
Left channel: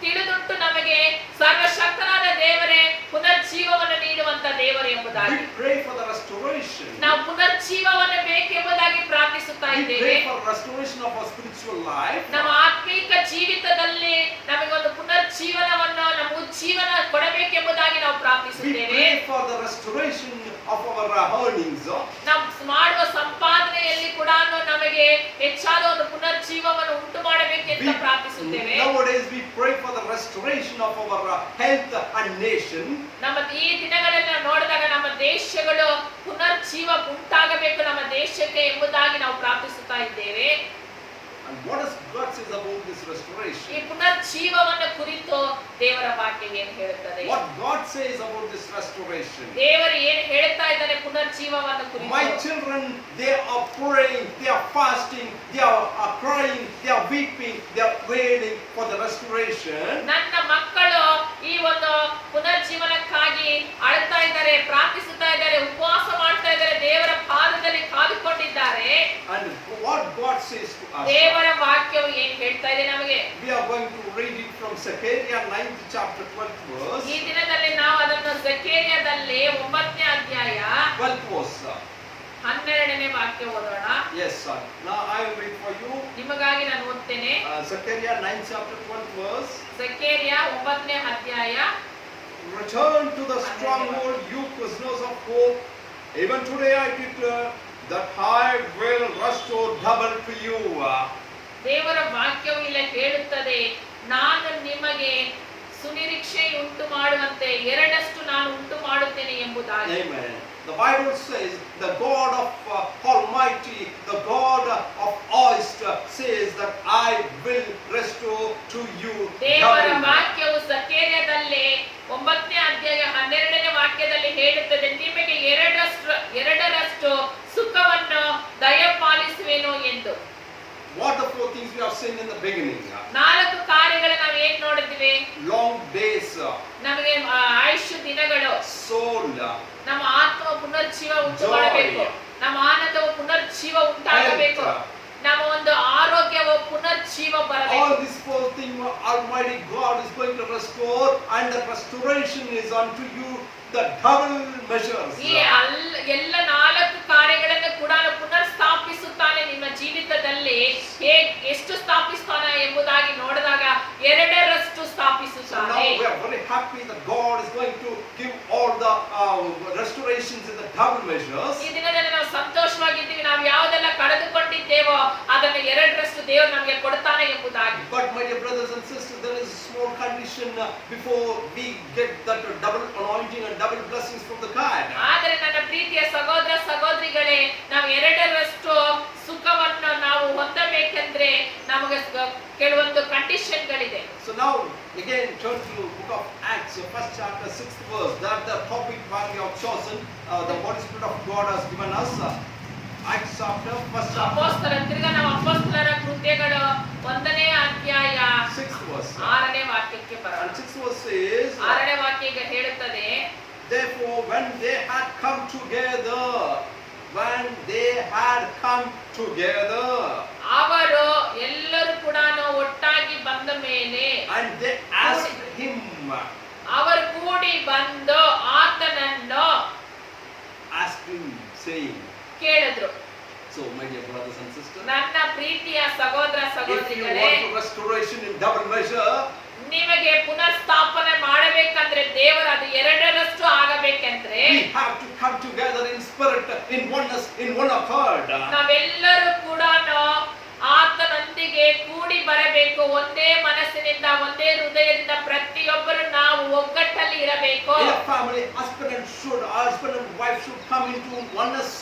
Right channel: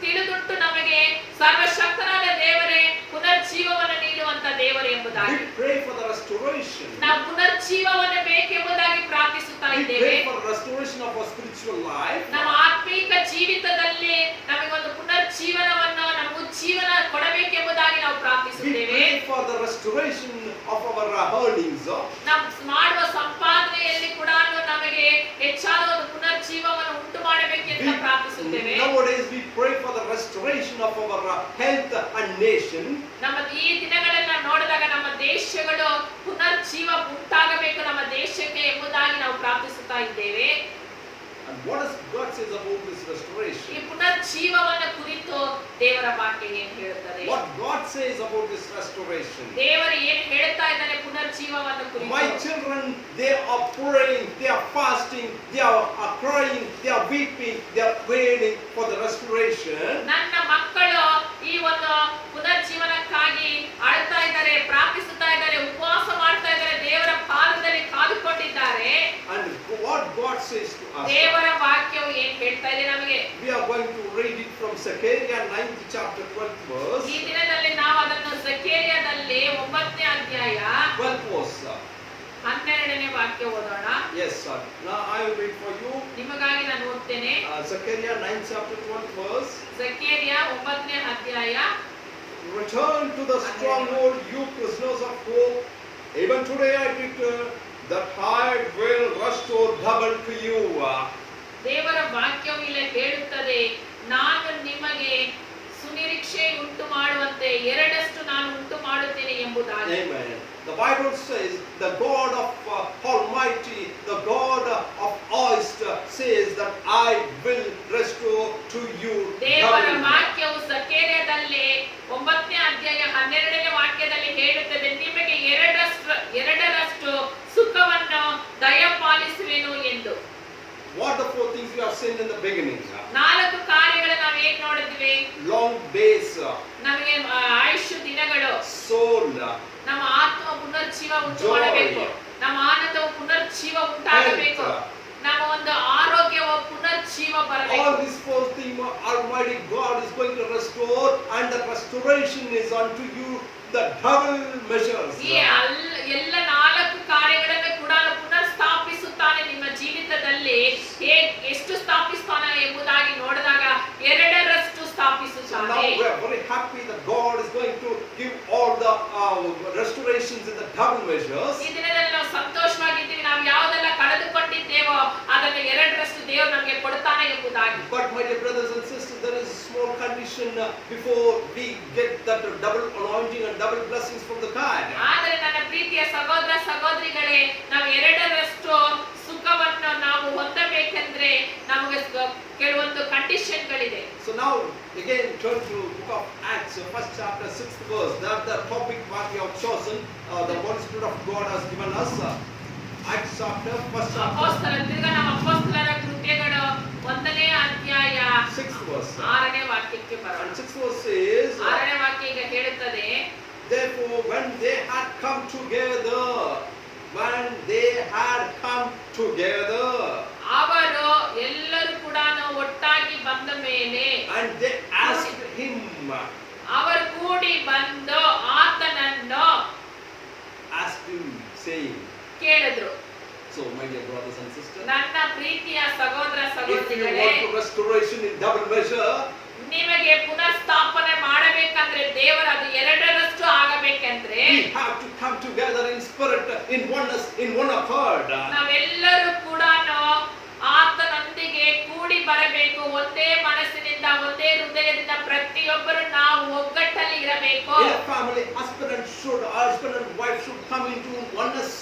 ತಿಳಿದುಂಟು ನಮಗೆ ಸರ್ವಶಕ್ತನಾದ ದೇವರೇ ಪುನರ್ಜೀವವನ್ನು ನೀಡುವಂತ ದೇವರು ಎಂಬುದಾಗಿ. We pray for the restoration. ನಾವು ಪುನರ್ಜೀವವನ್ನು ಬೇಕೆಂಬುದಾಗಿ ಪ್ರಾರ್ಥಿಸುತ್ತಾ We ಇದ್ದೇವೆ. pray for restoration of our spiritual life. ನಮ್ಮ ಆತ್ಮೀಕ ಜೀವಿತದಲ್ಲಿ ನಮಗೆ ಒಂದು ಪುನರ್ಜೀವನವನ್ನು ನಮ್ಮ ಉಜ್ಜೀವನ ಕೊಡಬೇಕೆಂಬುದಾಗಿ ನಾವು We ಪ್ರಾರ್ಥಿಸುತ್ತೇವೆ. pray for the restoration of our earnings. ನಾವು ಮಾಡುವ ಸಂಪಾದನೆಯಲ್ಲಿ ಕೂಡ ನಮಗೆ ಹೆಚ್ಚಾದ ಒಂದು ಪುನರ್ಜೀವವನ್ನು ಉಂಟು ಮಾಡಬೇಕೆಂದು ಪ್ರಾರ್ಥಿಸುತ್ತೇವೆ. Nowadays we pray for the restoration of our health and nation. ನಮ್ಮ ಈ ದಿನಗಳೆಲ್ಲ ನೋಡಿದಾಗ ನಮ್ಮ ದೇಶಗಳು ಪುನರ್ಜೀವ ಉಂಟಾಗಬೇಕು ನಮ್ಮ ದೇಶಕ್ಕೆ ಎಂಬುದಾಗಿ ನಾವು ಪ್ರಾರ್ಥಿಸುತ್ತಾ ಇದ್ದೇವೆ. And what does God says about this ಈ restoration? ಪುನರ್ಜೀವವನ್ನು ಕುರಿತು ದೇವರ ವಾಕ್ಯ ಏನು ಹೇಳುತ್ತದೆ? What God says about this restoration? ದೇವರು ಏನು ಹೇಳ್ತಾ ಇದ್ದಾನೆ ಪುನರ್ಜೀವವನ್ನು ಕುರಿತು? My children, they are praying, they are fasting, they are crying, they are weeping, they are praying for the restoration. ನನ್ನ ಮಕ್ಕಳು ಈ ಒಂದು ಪುನರ್ಜೀವನಕ್ಕಾಗಿ ಅಳ್ತಾ ಇದ್ದಾರೆ, ಪ್ರಾರ್ಥಿಸುತ್ತಾ ಇದ್ದಾರೆ, ಉಪವಾಸ ಮಾಡ್ತಾ ಇದ್ದಾರೆ, ದೇವರ ಪಾದದಲ್ಲಿ ಕಾದುಕೊಂಡಿದ್ದಾರೆ. And what God says to us? ದೇವರ ವಾಕ್ಯವು ಏನು ಹೇಳ್ತಾ ಇದೆ ನಮಗೆ? We are going to read it from Zechariah 9th chapter 12th verse. ಈ ದಿನದಲ್ಲಿ ನಾವು ಅದನ್ನು ಜಕರೀಯದಲ್ಲಿ 9ನೇ ಅಧ್ಯಾಯ 12th verse. 12ನೇ ವಾಕ್ಯ ಓದೋಣ. Yes, sir. Now I will read for you. ನಿಮಗಾಗಿ ನಾನು ಓದ್ತೇನೆ. Zechariah 9 chapter 1 verse. ಜಕರ್ಯ 9ನೇ ಅಧ್ಯಾಯ. Return to the stronghold, you prisoners of hope. Even today I declare that I will restore double to you. ದೇವರ ವಾಕ್ಯವು ಇಲ್ಲಿ ಹೇಳುತ್ತದೆ, ನಾನು ನಿಮಗೆ ಸುನಿರೀಕ್ಷೆ ಉಂಟು ಮಾಡುವಂತೆ ಎರಡಷ್ಟು ನಾನು ಉಂಟು ಮಾಡುತ್ತೇನೆ ಎಂಬುದಾಗಿ. Amen. The Bible says the God of Almighty, the God of hosts says that I will restore to you. ದೇವರ ವಾಕ್ಯವು ಜಕರ್ಯದಲ್ಲಿ 9ನೇ ಅಧ್ಯಾಯ 12ನೇ ವಾಕ್ಯದಲ್ಲಿ ಹೇಳುತ್ತದೆ, ನಿಮಗೆ ಎರಡರಷ್ಟು ಸುಖವನ್ನು ದಯಪಾಲಿಸುವೆನು ಎಂದು. What the four things we have seen in the beginning? 4 ಕಾರ್ಯಗಳು ನಾವು ಹೇಗೆ ನೋಡಿದ್ವಿ? Long days, ನಮಗೆ ಆಯುಷ್ಯ ದಿನಗಳು, soul, ನಮ್ಮ ಆತ್ಮ ಪುನರ್ಜೀವ ಉಂಟು ಮಾಡಬೇಕು, ನಮ್ಮ ಆನಂದವು ಪುನರ್ಜೀವ ಉಂಟಾಗಬೇಕು, ನಮ್ಮ ಒಂದು ಆರೋಗ್ಯವು ಪುನರ್ಜೀವ ಬರಬೇಕು. all these four things Almighty God is going to restore, and the restoration is unto you the double measures. ಈ ಎಲ್ಲ 4 ಕಾರ್ಯಗಳನ್ನು ಕೂಡ ಪುನರ್ ಸ್ಥಾಪಿಸುತ್ತಾನೆ ನಿಮ್ಮ ಜೀವಿತದಲ್ಲಿ. ಎಷ್ಟು ಸ್ಥಾಪಿಸ್ತಾನೆ ಎಂಬುದಾಗಿ ನೋಡಿದಾಗ ಎರಡರಷ್ಟು ಸ್ಥಾಪಿಸುತ್ತಾನೆ. So now we are very happy that God is going to give all the restorations in the double measures. ಈ ದಿನದಲ್ಲಿ ನಾವು ಸಂತೋಷವಾಗಿದ್ದೀವಿ, ನಾವು ಯಾವುದೆಲ್ಲ ಕಳೆದುಕೊಂಡಿದ್ದೇವೋ ಅದನ್ನು ಎರಡರಷ್ಟು ದೇವರು ನಮಗೆ ಕೊಡ್ತಾನೆ ಎಂಬುದಾಗಿ. But my dear brothers and sisters, there is a small condition before we get that double anointing and double blessings from the God. ಆದರೆ ನನ್ನ ಪ್ರೀತಿಯ ಸಹೋದರ ಸಹೋದರಿಗಳೇ, ನಾವು ಎರಡರಷ್ಟು ಸುಖವನ್ನು ನಾವು ಹೊಂದಬೇಕೆಂದ್ರೆ ನಮಗೆ ಕೆಲವೊಂದು ಕಂಡೀಷನ್ಗಳಿದೆ. So now again turn to book of Acts, first chapter 6th verse. That the topic what we have chosen, the Holy Spirit of God has given us. Acts chapter first chapter ತಿರ್ಗಾ ನಾವು ಅಪೊಸ್ತಲರ ಕೃತ್ಯಗಳು 1ನೇ ಅಧ್ಯಾಯ 6th verse. 6ನೇ ವಾಕ್ಯಕ್ಕೆ ಬರೋಣ. And 6th verse says, 6ನೇ ವಾಕ್ಯ ಈಗ ಹೇಳುತ್ತದೆ, therefore when they had come together, ಅವರು ಎಲ್ಲರೂ ಕೂಡ ಒಟ್ಟಾಗಿ ಬಂದ ಮೇಲೆ, and they asked him, ಅವರು ಕೂಡಿ ಬಂದು ಆತನನ್ನು saying, ಕೇಳಿದ್ರು. so my dear brothers and sisters, ನನ್ನ ಪ್ರೀತಿಯ ಸಹೋದರ if you ಸಹೋದರಿಗಳೇ, want restoration in double measure, ನಿಮಗೆ ಪುನರ್ಸ್ಥಾಪನೆ ಮಾಡಬೇಕಂದ್ರೆ ದೇವರು ಅದು ಎರಡರಷ್ಟು ಆಗಬೇಕಂದ್ರೆ we have to come together in spirit, in oneness, in one accord. ನಾವೆಲ್ಲರೂ ಕೂಡ ಆತನೊಂದಿಗೆ ಕೂಡಿ ಬರಬೇಕು. ಒಂದೇ ಮನಸ್ಸಿನಿಂದ, ಒಂದೇ ಹೃದಯದಿಂದ ಪ್ರತಿಯೊಬ್ಬರು ನಾವು ಒಗ್ಗಟ್ಟಲ್ಲಿ ಇರಬೇಕು. In a family, husband and wife should come into oneness.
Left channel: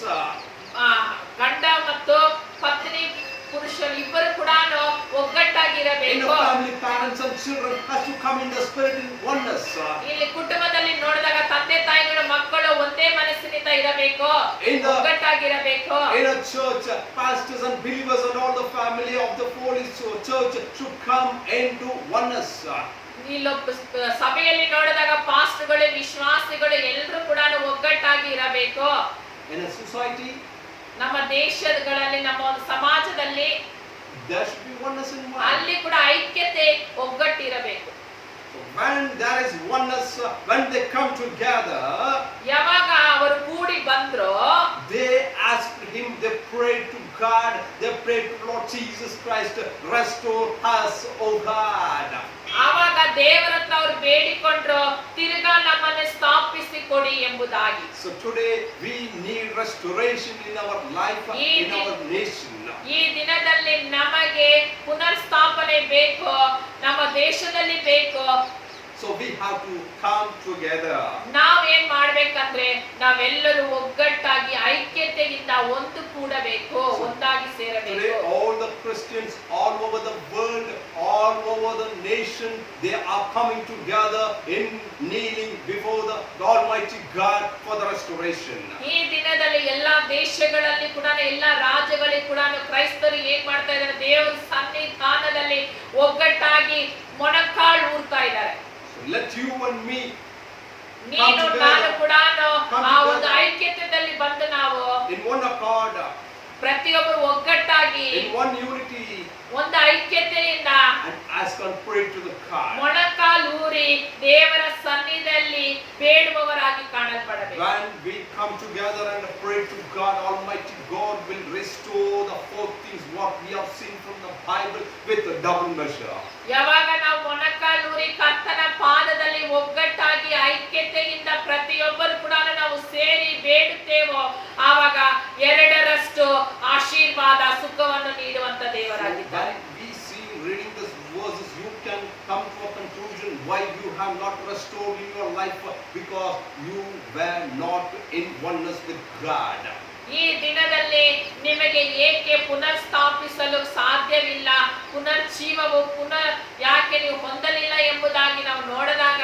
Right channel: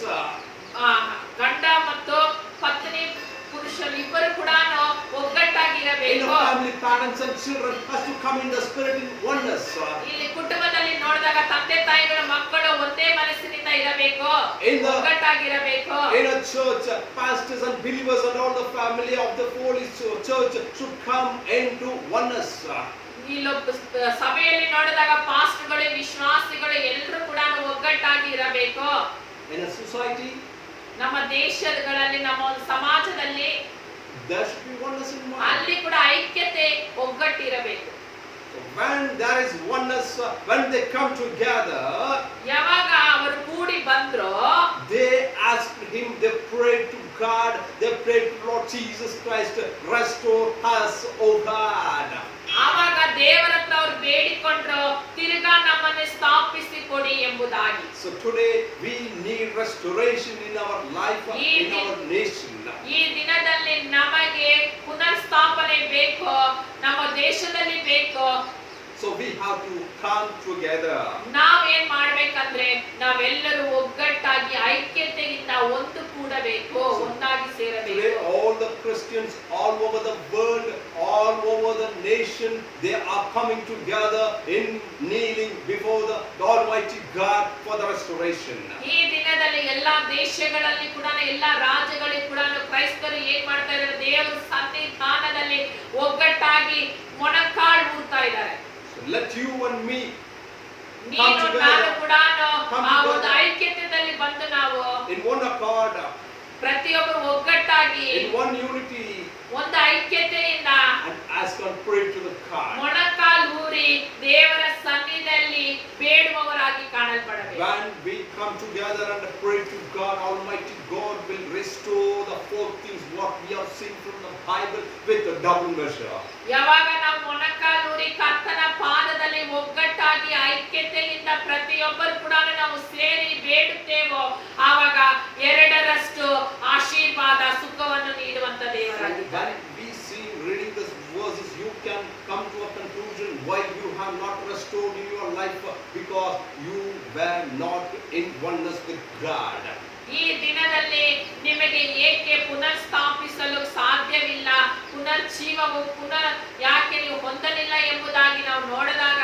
ಗಂಡ ಮತ್ತು ಪತ್ನಿ ಪುರುಷರು ಇಬ್ಬರು ಕೂಡ ಒಗ್ಗಟ್ಟಾಗಿರಬೇಕು. In a family, parents and children has to come in the spirit in oneness. ಇಲ್ಲಿ ಕುಟುಂಬದಲ್ಲಿ ನೋಡಿದಾಗ ತಂದೆ ತಾಯಿಗಳು ಮಕ್ಕಳು ಒಂದೇ ಮನಸ್ಸಿನಿಂದ ಇರಬೇಕು, ಒಗ್ಗಟ್ಟಾಗಿರಬೇಕು. In a church, pastors and believers and all the family of the Holy Church should come into oneness. ಇಲ್ಲೊಬ್ಬ ಸಭೆಯಲ್ಲಿ ನೋಡಿದಾಗ ಪಾಸ್ಟರ್ಗಳು, ವಿಶ್ವಾಸಿಗಳು ಎಲ್ಲರೂ ಕೂಡ ಒಗ್ಗಟ್ಟಾಗಿ ಇರಬೇಕು. In a society, ನಮ್ಮ ದೇಶಗಳಲ್ಲಿ, ನಮ್ಮ ಒಂದು ಸಮಾಜದಲ್ಲಿ there should be oneness in mind. ಅಲ್ಲಿ ಕೂಡ ಐಕ್ಯತೆ, ಒಗ್ಗಟ್ಟಿರಬೇಕು. When there is oneness, when they come together, ಯಾವಾಗ ಅವರು ಕೂಡಿ ಬಂದ್ರು, they asked him, they prayed to God, they prayed to Lord Jesus Christ, restore us, O God. ಆವಾಗ ದೇವರ ಹತ್ರ ಅವರು ಬೇಡಿಕೊಂಡ್ರು, ತಿರುಗಾ ನಮ್ಮನ್ನು ಸ್ಥಾಪಿಸಿ ಕೊಡಿ ಎಂಬುದಾಗಿ. So today we need restoration in our life, in our nation. ಈ ದಿನದಲ್ಲಿ ನಮಗೆ ಪುನರ್ಸ್ಥಾಪನೆ ಬೇಕು, ನಮ್ಮ ದೇಶದಲ್ಲಿ ಬೇಕು. So we have to come together. ನಾವೇನ್ ಮಾಡ್ಬೇಕಂದ್ರೆ ನಾವೆಲ್ಲರೂ ಒಗ್ಗಟ್ಟಾಗಿ ಐಕ್ಯತೆಯಿಂದ ಒಂದು ಕೂಡಬೇಕು, ಒಂದಾಗಿ ಸೇರಬೇಕು. Today all the Christians all over the world, all over the nation, they are coming together in kneeling before the Almighty God for the restoration. ಈ ದಿನದಲ್ಲಿ ಎಲ್ಲಾ ದೇಶಗಳಲ್ಲಿ ಕೂಡ, ಎಲ್ಲಾ ರಾಜ್ಯಗಳಲ್ಲಿ ಕೂಡ ಕ್ರೈಸ್ತರು ಏನ್ ಮಾಡ್ತಾ ಇದ್ದಾರೆ, ದೇವರ ಸನ್ನಿಧಾನದಲ್ಲಿ ಒಗ್ಗಟ್ಟಾಗಿ ಮೊಣಕಾಲು ಊರ್ತಾ ಇದ್ದಾರೆ. Let you and me ನೀನು ನಾನು ಕೂಡ ಆ ಒಂದು ಐಕ್ಯತೆಯಲ್ಲಿ ಬಂದು ನಾವು in one accord. ಪ್ರತಿಯೊಬ್ಬರು ಒಗ್ಗಟ್ಟಾಗಿ in one unity, ಒಂದು ಐಕ್ಯತೆಯಿಂದ and ask and pray to the God. ಮೊಣಕಾಲೂರಿ ದೇವರ ಸನ್ನಿಧಿಯಲ್ಲಿ ಬೇಡುವವರಾಗಿ ಕಾಣಲ್ಪಡಬೇಕು. When we come together and pray to God, Almighty God will restore the four things what we have seen from the Bible with a double measure. ಯಾವಾಗ ನಾವು ಮೊಣಕಾಲೂರಿ ಕರ್ತನ ಪಾದದಲ್ಲಿ ಒಗ್ಗಟ್ಟಾಗಿ ಐಕ್ಯತೆಯಿಂದ ಪ್ರತಿಯೊಬ್ಬರು ಕೂಡ ನಾವು ಸೇರಿ ಬೇಡುತ್ತೇವೋ ಆವಾಗ ಎರಡರಷ್ಟು ಆಶೀರ್ವಾದ ಸುಖವನ್ನು ನೀಡುವಂತ ದೇವರಾಗಿದ್ದಾರೆ. When we see reading these verses, you can come to a conclusion why you have not restored in your life, because you were not in oneness with God. ಈ ದಿನದಲ್ಲಿ ನಿಮಗೆ ಏಕೆ ಪುನರ್ ಸ್ಥಾಪಿಸಲು ಸಾಧ್ಯವಿಲ್ಲ, ಪುನರ್ಜೀವವು ಯಾಕೆ ನೀವು ಹೊಂದಲಿಲ್ಲ ಎಂಬುದಾಗಿ ನಾವು ನೋಡಿದಾಗ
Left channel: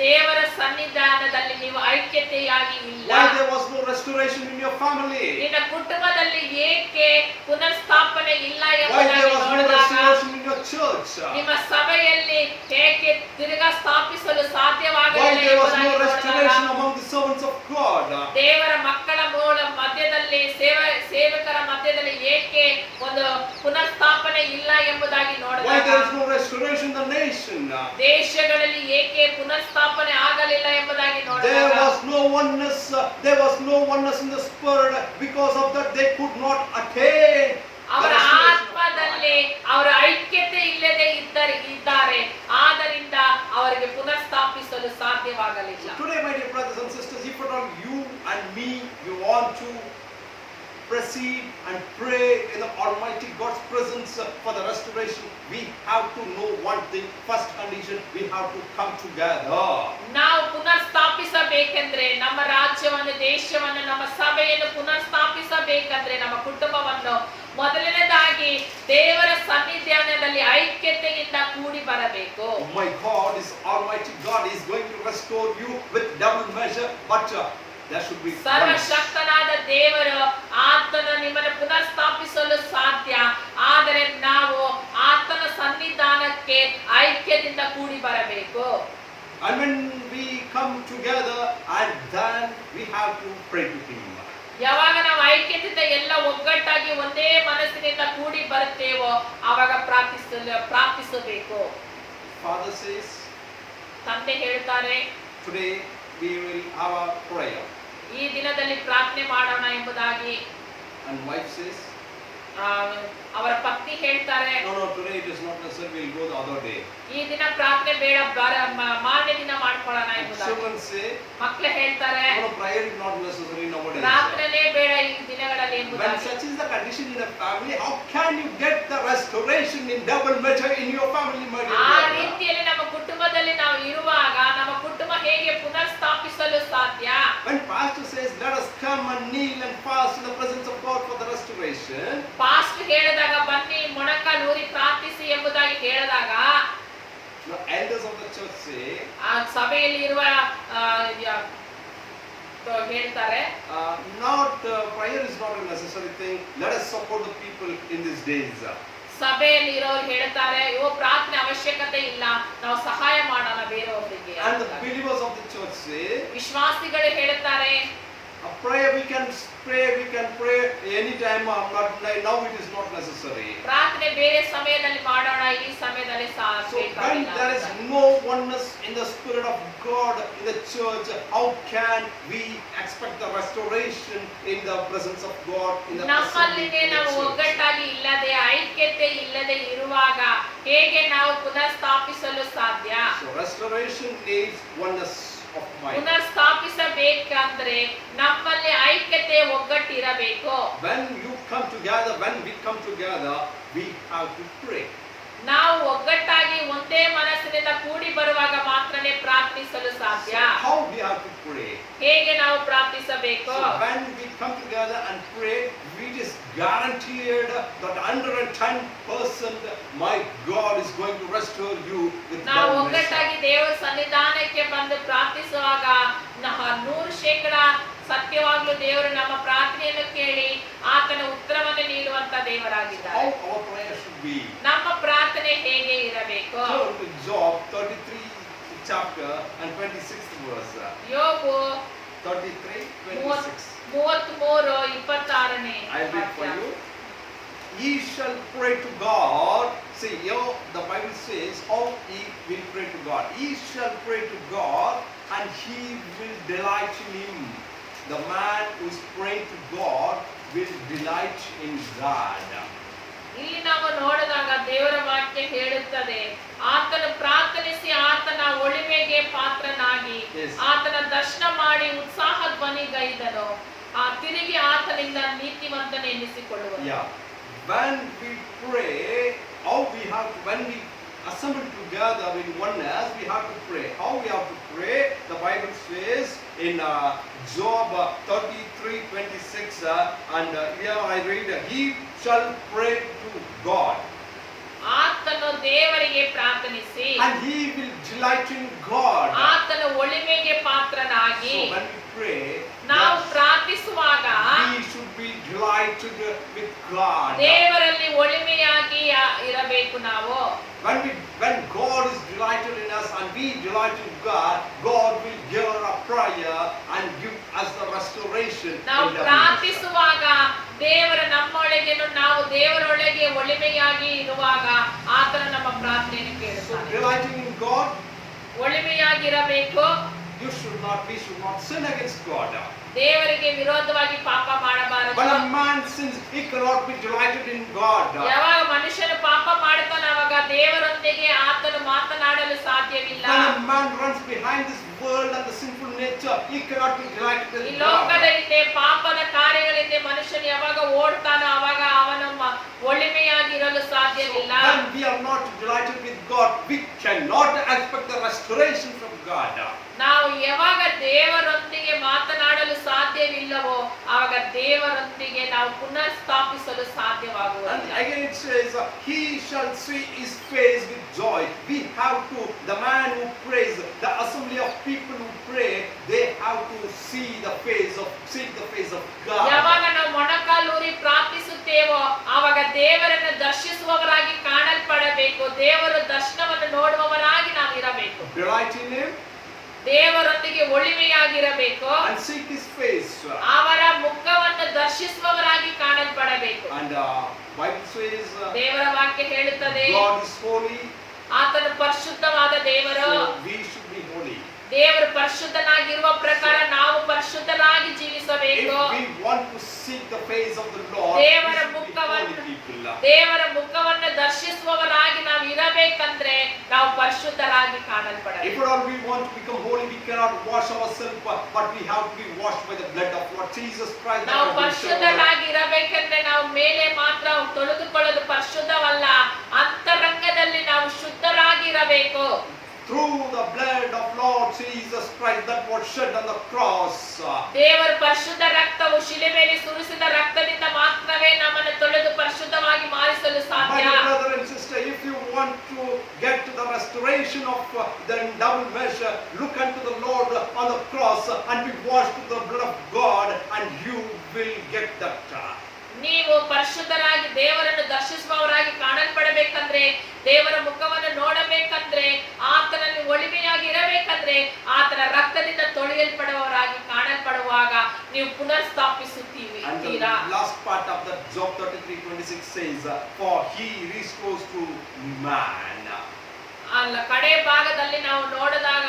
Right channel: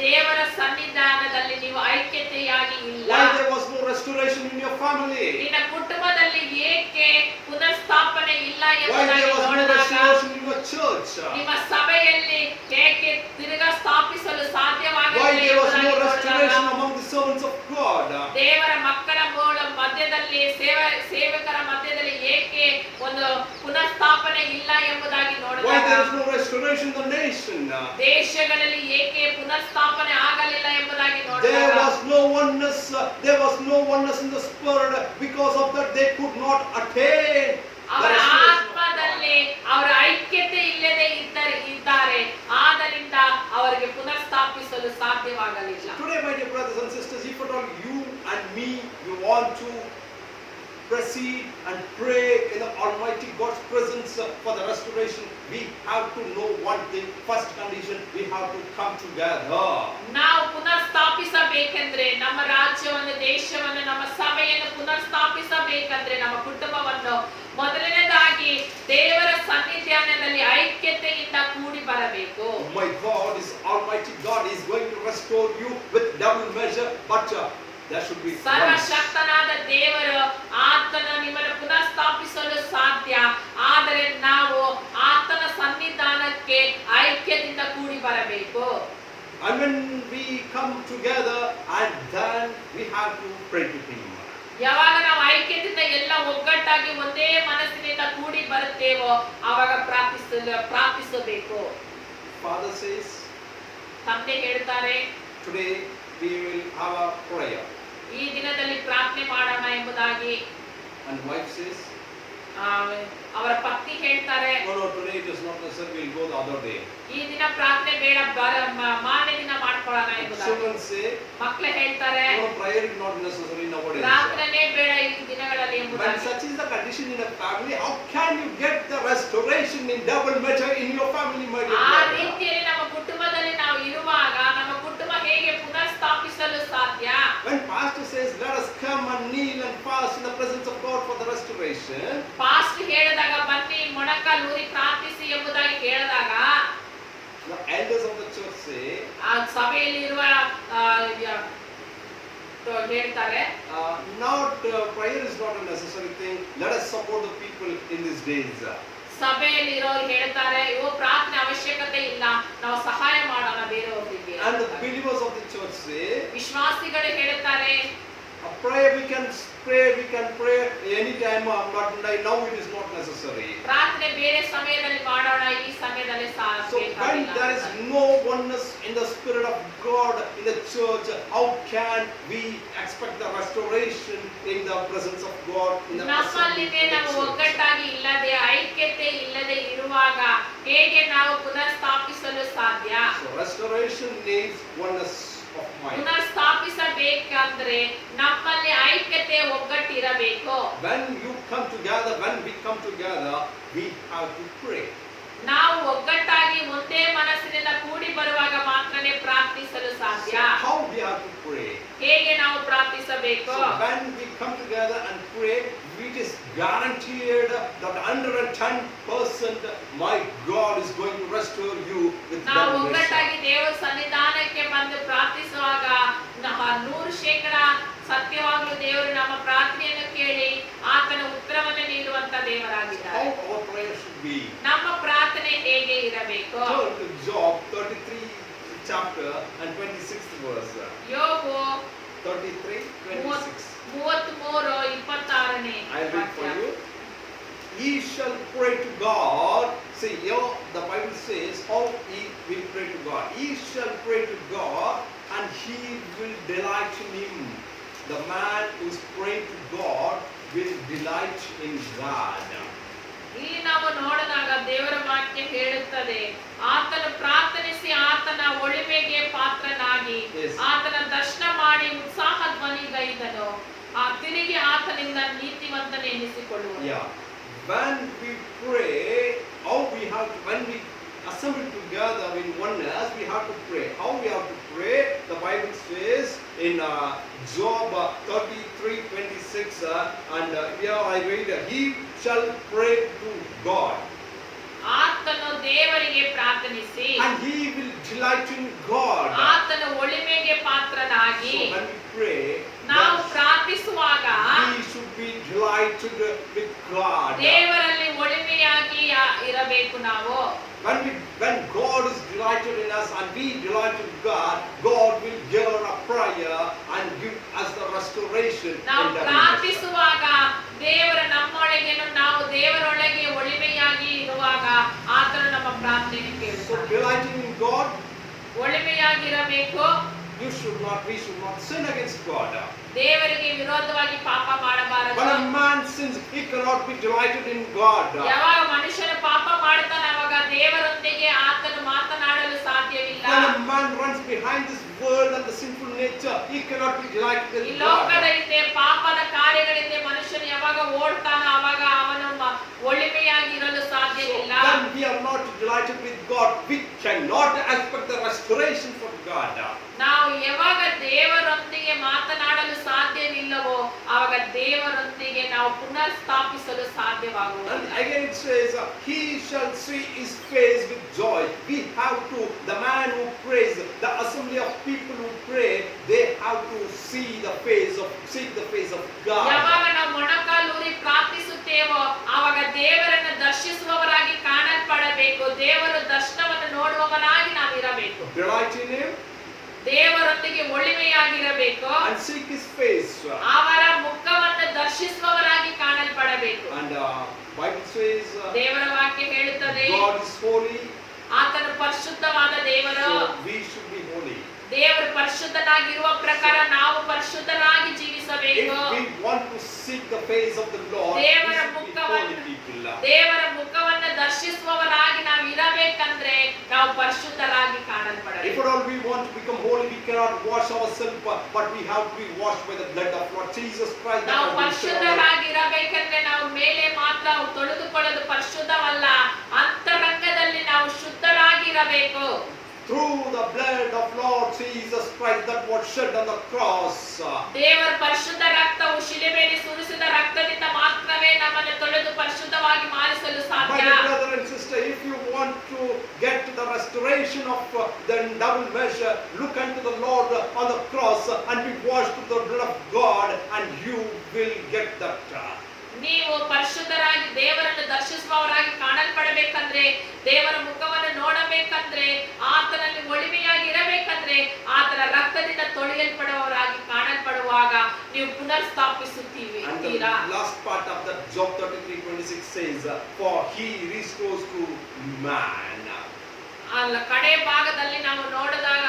ದೇವರ ಸನ್ನಿಧಾನದಲ್ಲಿ ನೀವು ಐಕ್ಯತೆಯಾಗಿ ಇಲ್ಲ. Why there was no restoration in your family? ನಿನ್ನ ಕುಟುಂಬದಲ್ಲಿ ಏಕೆ ಪುನರ್ಸ್ಥಾಪನೆ ಇಲ್ಲ Why ಎಂಬುದಾಗಿ there was no ನೋಡಿದಾಗ restoration in your church? ನಿಮ್ಮ ಸಭೆಯಲ್ಲಿ ಏಕೆ ತಿರುಗಾ ಸ್ಥಾಪಿಸಲು Why ಸಾಧ್ಯವಾಗಲಿಲ್ಲ there was no ಎಂಬುದಾಗಿ restoration ನೋಡಿದಾಗ among the servants of God? ದೇವರ ಮಕ್ಕಳ ಮಧ್ಯದಲ್ಲಿ ಸೇವಕರ ಮಧ್ಯದಲ್ಲಿ ಏಕೆ ಒಂದು ಪುನರ್ಸ್ಥಾಪನೆ ಇಲ್ಲ ಎಂಬುದಾಗಿ Why ನೋಡಿದಾಗ there is no restoration in the nation? ದೇಶಗಳಲ್ಲಿ ಏಕೆ ಪುನರ್ಸ್ಥಾಪನೆ ಆಗಲಿಲ್ಲ ಎಂಬುದಾಗಿ There ನೋಡಿದಾಗ was no oneness. There was no oneness in the spirit. Because of that, they could not attain the ಅವರ restoration of ಆತ್ಮದಲ್ಲಿ ಅವರ ಐಕ್ಯತೆ ಇಲ್ಲದೆ ಇದ್ದಾರೆ, ಆದ್ದರಿಂದ ಅವರಿಗೆ ಪುನರ್ಸ್ಥಾಪಿಸಲು ಸಾಧ್ಯವಾಗಲಿಲ್ಲ. Today, my dear brothers and sisters, if at all you and me, we want to proceed and pray in the Almighty God's presence for the restoration, we have to know one thing. First condition, we have to come together. ನಾವು ಪುನರ್ಸ್ಥಾಪಿಸಬೇಕೆಂದ್ರೆ ನಮ್ಮ ರಾಜ್ಯವನ್ನು, ದೇಶವನ್ನು, ನಮ್ಮ ಸಭೆಯನ್ನು ಪುನರ್ಸ್ಥಾಪಿಸಬೇಕಂದ್ರೆ ನಮ್ಮ ಕುಟುಂಬವನ್ನು ಮೊದಲನೇದಾಗಿ ದೇವರ ಸನ್ನಿಧಾನದಲ್ಲಿ ಐಕ್ಯತೆಯಿಂದ ಕೂಡಿ ಬರಬೇಕು. My God is Almighty God is going to restore you with double measure, but there should be oneness. ಸರ್ವಶಕ್ತನಾದ ದೇವರು ಆತನು ನಿಮ್ಮನ್ನು ಪುನರ್ಸ್ಥಾಪಿಸಲು ಸಾಧ್ಯ, ಆದರೆ ನಾವು ಆತನ ಸನ್ನಿಧಾನಕ್ಕೆ ಐಕ್ಯದಿಂದ ಕೂಡಿ ಬರಬೇಕು. And when we come together, and then we have to pray to Him. ಯಾವಾಗ ನಾವು ಐಕ್ಯದಿಂದ ಎಲ್ಲ ಒಗ್ಗಟ್ಟಾಗಿ ಒಂದೇ ಮನಸ್ಸಿನಿಂದ ಕೂಡಿ ಬರುತ್ತೇವೋ ಆವಾಗ ಪ್ರಾರ್ಥಿಸಬೇಕು. Father says, ತಂದೆ ಹೇಳ್ತಾರೆ, today we will have a prayer. ಈ ದಿನದಲ್ಲಿ ಪ್ರಾರ್ಥನೆ ಮಾಡೋಣ ಎಂಬುದಾಗಿ. And wife says, ಅವರ ಪತ್ನಿ ಹೇಳ್ತಾರೆ, no, today it is not necessary, we'll go the other day. ಈ ದಿನ ಪ್ರಾರ್ಥನೆ ಬೇಡ, ಮಾರನೇ ದಿನ ಮಾಡ್ಕೊಳ್ಳೋಣ ಎಂಬುದಾಗಿ. Children say, ಮಕ್ಕಳು ಹೇಳ್ತಾರೆ, no, prayer is not necessary nowadays. ಪ್ರಾರ್ಥನೆ ಬೇಡ ಈ ದಿನಗಳಲ್ಲಿ When ಎಂಬುದಾಗಿ. such is the condition in a family, how can you get the restoration in double measure in your family, my dear ಆ brother? ರೀತಿಯಲ್ಲಿ ನಮ್ಮ ಕುಟುಂಬದಲ್ಲಿ ನಾವು ಇರುವಾಗ ನಮ್ಮ ಕುಟುಂಬ ಹೇಗೆ ಪುನರ್ಸ್ಥಾಪಿಸಲು ಸಾಧ್ಯ? When pastor says, let us come and kneel and fast in the presence of God for the restoration, past ಹೇಳಿದಾಗ ಬನ್ನಿ ಮೊಣಕಾಲೂರಿ ಪ್ರಾರ್ಥಿಸಿ ಎಂಬುದಾಗಿ ಹೇಳಿದಾಗ the elders of the church say, ಆ ಸಭೆಯಲ್ಲಿ ಇರುವ ಹೇಳ್ತಾರೆ, prayer is not a necessary thing. Let us support the people in these days. ಸಭೆಯಲ್ಲಿ ಇರೋರು ಹೇಳ್ತಾರೆ, ಪ್ರಾರ್ಥನೆ ಅವಶ್ಯಕತೆ ಇಲ್ಲ, ನಾವು ಸಹಾಯ ಮಾಡೋಣ ಬೇರೆಯವರಿಗೆ. And the believers of the church say, ವಿಶ್ವಾಸಿಗಳು ಹೇಳ್ತಾರೆ, a prayer we can pray anytime, but now it is not necessary. ಪ್ರಾರ್ಥನೆ ಬೇರೆ ಸಮಯದಲ್ಲಿ ಮಾಡೋಣ, ಈ ಸಮಯದಲ್ಲಿ So when there is no oneness in the Spirit of God in the church, how can we expect the restoration in the presence of God in the ನಮ್ಮಲ್ಲಿನೇ ನಾವು ಒಗ್ಗಟ್ಟಾಗಿ ಇಲ್ಲದೆ ಐಕ್ಯತೆ ಇಲ್ಲದೆ ಇರುವಾಗ ಹೇಗೆ ನಾವು ಪುನರ್ಸ್ಥಾಪಿಸಲು ಸಾಧ್ಯ? So restoration needs oneness of mind. ಪುನರ್ಸ್ಥಾಪಿಸಬೇಕಂದ್ರೆ ನಮ್ಮಲ್ಲಿ ಐಕ್ಯತೆ ಒಗ್ಗಟ್ಟಿರಬೇಕು. When we come together, we have to pray. ನಾವು ಒಗ್ಗಟ್ಟಾಗಿ ಒಂದೇ ಮನಸ್ಸಿನಿಂದ ಕೂಡಿ ಬರುವಾಗ ಮಾತ್ರನೇ ಪ್ರಾರ್ಥಿಸಲು ಸಾಧ್ಯ. So how we have to pray? ಹೇಗೆ ನಾವು ಪ್ರಾರ್ಥಿಸಬೇಕು? So when we come together and pray, it is guaranteed that 110% my God is going to restore you with ನಾವು double measure. ಒಗ್ಗಟ್ಟಾಗಿ ದೇವರ ಸನ್ನಿಧಾನಕ್ಕೆ ಬಂದು ಪ್ರಾರ್ಥಿಸುವಾಗ 100% ಸತ್ಯವಾಗ್ಲೂ ದೇವರು ನಮ್ಮ ಪ್ರಾರ್ಥನೆಯನ್ನು ಕೇಳಿ ಆತನ ಉತ್ತರವನ್ನು ನೀಡುವಂತ ದೇವರಾಗಿದ್ದಾರೆ. How our prayer should be. ನಮ್ಮ ಪ್ರಾರ್ಥನೆ ಹೇಗೆ ಇರಬೇಕು? Turn to Job 33 chapter and 26th verse. ಯೋಬು 33:26. 33:26 26ನೇ I read for ವಾಕ್ಯ. you. Ye shall pray to God. See, here the Bible says how ye will pray to God. Ye shall pray to God, and He will delight in Him. The man who is praying to God will delight in God. ಇಲ್ಲಿ ನಾವು ನೋಡಿದಾಗ ದೇವರ ವಾಕ್ಯ ಹೇಳುತ್ತದೆ, ಆತನು ಪ್ರಾರ್ಥನಿಸಿ ಆತನ ಒಳಿಮೆಗೆ ಪಾತ್ರನಾಗಿ Yes. ಆತನ ದರ್ಶನ ಮಾಡಿ ಉತ್ಸಾಹ ಧ್ವನಿಗೈದನು, ತಿರುಗಿ ಆತನಿಂದ ನೀತಿವಂತನ ಎನ್ನಿಸಿಕೊಳ್ಳುವನು. Yeah. When we pray, how we have to, when we assemble together in oneness, we have to pray. How we have to pray? The Bible says in Job 33:26, and here I read, He shall pray to God, ಆತನು ದೇವರಿಗೆ ಪ್ರಾರ್ಥನಿಸಿ and He will delight in God. ಆತನ ಒಳಿಮೆಗೆ ಪಾತ್ರನಾಗಿ. So when we pray, ನಾವು that ಪ್ರಾರ್ಥಿಸುವಾಗ we should be delighted with God. ದೇವರಲ್ಲಿ ಒಳಿಮೆಯಾಗಿ ಇರಬೇಕು ನಾವು. When God is delighted in us and we delight in God, God will hear our prayer and give us the restoration. ನಾವು in the ಪ್ರಾರ್ಥಿಸುವಾಗ ದೇವರ ನಮ್ಮೊಳಗೇನು ನಾವು ದೇವರೊಳಗೆ ಒಳಿಮೆಯಾಗಿ ಇರುವಾಗ ಆತನು ನಮ್ಮ ಪ್ರಾರ್ಥನೆಯನ್ನು So ಕೇಳುತ್ತಾನೆ. delighting in God, ಒಳಿಮೆಯಾಗಿರಬೇಕು. we should not sin against God. ದೇವರಿಗೆ ವಿರೋಧವಾಗಿ ಪಾಪ ಮಾಡಬಾರದು. When a man sins, he cannot be delighted in God. ಯಾವಾಗ ಮನುಷ್ಯನು ಪಾಪ ಮಾಡುತ್ತಾನೆ ಅವಾಗ ದೇವರೊಂದಿಗೆ ಆತನು ಮಾತನಾಡಲು ಸಾಧ್ಯವಿಲ್ಲ. When a man runs behind this world and the sinful nature, he cannot be delighted ಈ in ಲೋಕದ God. ಹಿಂದೆ ಪಾಪದ ಕಾರ್ಯಗಳಿಂದ ಮನುಷ್ಯನು ಯಾವಾಗ ಓಡ್ತಾನೋ ಅವಾಗ ಅವನು ಒಳಿಮೆಯಾಗಿರಲು ಸಾಧ್ಯವಿಲ್ಲ. When we are not delighted with God, we cannot expect the restoration from God. ನಾವು ಯಾವಾಗ ದೇವರೊಂದಿಗೆ ಮಾತನಾಡಲು ಸಾಧ್ಯವಿಲ್ಲವೋ ಆವಾಗ ದೇವರೊಂದಿಗೆ ನಾವು ಪುನರ್ ಸ್ಥಾಪಿಸಲು And ಸಾಧ್ಯವಾಗುವುದಿಲ್ಲ. again it says, He shall see His face with joy. We have to, the man who prays, the assembly of people who pray, they have to seek the face of ಯಾವಾಗ God. ನಾವು ಮೊಣಕಾಲೂರಿ ಪ್ರಾರ್ಥಿಸುತ್ತೇವೋ ಆವಾಗ ದೇವರನ್ನು ದರ್ಶಿಸುವವರಾಗಿ ಕಾಣಲ್ಪಡಬೇಕು. ದೇವರ ದರ್ಶನವನ್ನು ನೋಡುವವರಾಗಿ ನಾವು ಇರಬೇಕು. Delight in Him ದೇವರೊಂದಿಗೆ ಒಳಿಮೆಯಾಗಿರಬೇಕು. and seek His face. ಅವರ ಮುಖವನ್ನು ದರ್ಶಿಸುವವರಾಗಿ ಕಾಣಲ್ಪಡಬೇಕು. And Bible says, ದೇವರ ವಾಕ್ಯ ಹೇಳುತ್ತದೆ, God is holy, ಆತನು ಪರಿಶುದ್ಧವಾದ ದೇವರು. so we should be holy. ದೇವರು ಪರಿಶುದ್ಧನಾಗಿರುವ ಪ್ರಕಾರ ನಾವು ಪರಿಶುದ್ಧರಾಗಿ If ಜೀವಿಸಬೇಕು. we want to seek the face of the Lord, we ದೇವರ should be ಮುಖವನ್ನು holy people. ದೇವರ ಮುಖವನ್ನು ದರ್ಶಿಸುವವರಾಗಿ ನಾವು ಇರಬೇಕಂದ್ರೆ ನಾವು ಪರಿಶುದ್ಧರಾಗಿ If ಕಾಣಲ್ಪಡಬೇಕು. at all we want to become holy, we cannot wash ourselves, but we have to be washed by the blood of Lord Jesus Christ. ನಾವು that has been shed on our- ಪರಿಶುದ್ಧರಾಗಿ ಇರಬೇಕಂದ್ರೆ ನಾವು ಮೇಲೆ ಮಾತ್ರ ತೊಳೆದುಕೊಳ್ಳೋದು ಪರಿಶುದ್ಧವಲ್ಲ, ಅಂತರಂಗದಲ್ಲಿ ನಾವು ಶುದ್ಧರಾಗಿ ಇರಬೇಕು. Through the blood of Lord Jesus Christ that was shed on the cross. ದೇವರ ಪರಿಶುದ್ಧ ರಕ್ತವು ಶಿಲುಬೆಯಲ್ಲಿ ಸುರಿಸಿದ ರಕ್ತದಿಂದ ಮಾತ್ರವೇ ನಮ್ಮನ್ನು ತೊಳೆದು ಪರಿಶುದ್ಧವಾಗಿ ಮಾರಿಸಲು My ಸಾಧ್ಯ. dear brother and sister, if you want to get to the restoration of the double measure, look unto the Lord on the cross and be washed with the blood of God, and you will get that. ನೀವು ಪರಿಶುದ್ಧರಾಗಿ ದೇವರನ್ನು ದರ್ಶಿಸುವವರಾಗಿ ಕಾಣಲ್ಪಡಬೇಕಂದ್ರೆ, ದೇವರ ಮುಖವನ್ನು ನೋಡಬೇಕಂದ್ರೆ, ಆತನಲ್ಲಿ ಒಳಿಮೆಯಾಗಿ ಇರಬೇಕಂದ್ರೆ, ಆತನ ರಕ್ತದಿಂದ ತೊಳೆಯಲ್ಪಡುವವರಾಗಿ ಕಾಣಲ್ಪಡುವಾಗ ನೀವು ಪುನರ್ ಸ್ಥಾಪಿಸುತ್ತೀವಿ. And the last part of that Job 33:26 says, for He restores to man. ಅಲ್ಲ, ಕಡೆ ಭಾಗದಲ್ಲಿ ನಾವು ನೋಡಿದಾಗ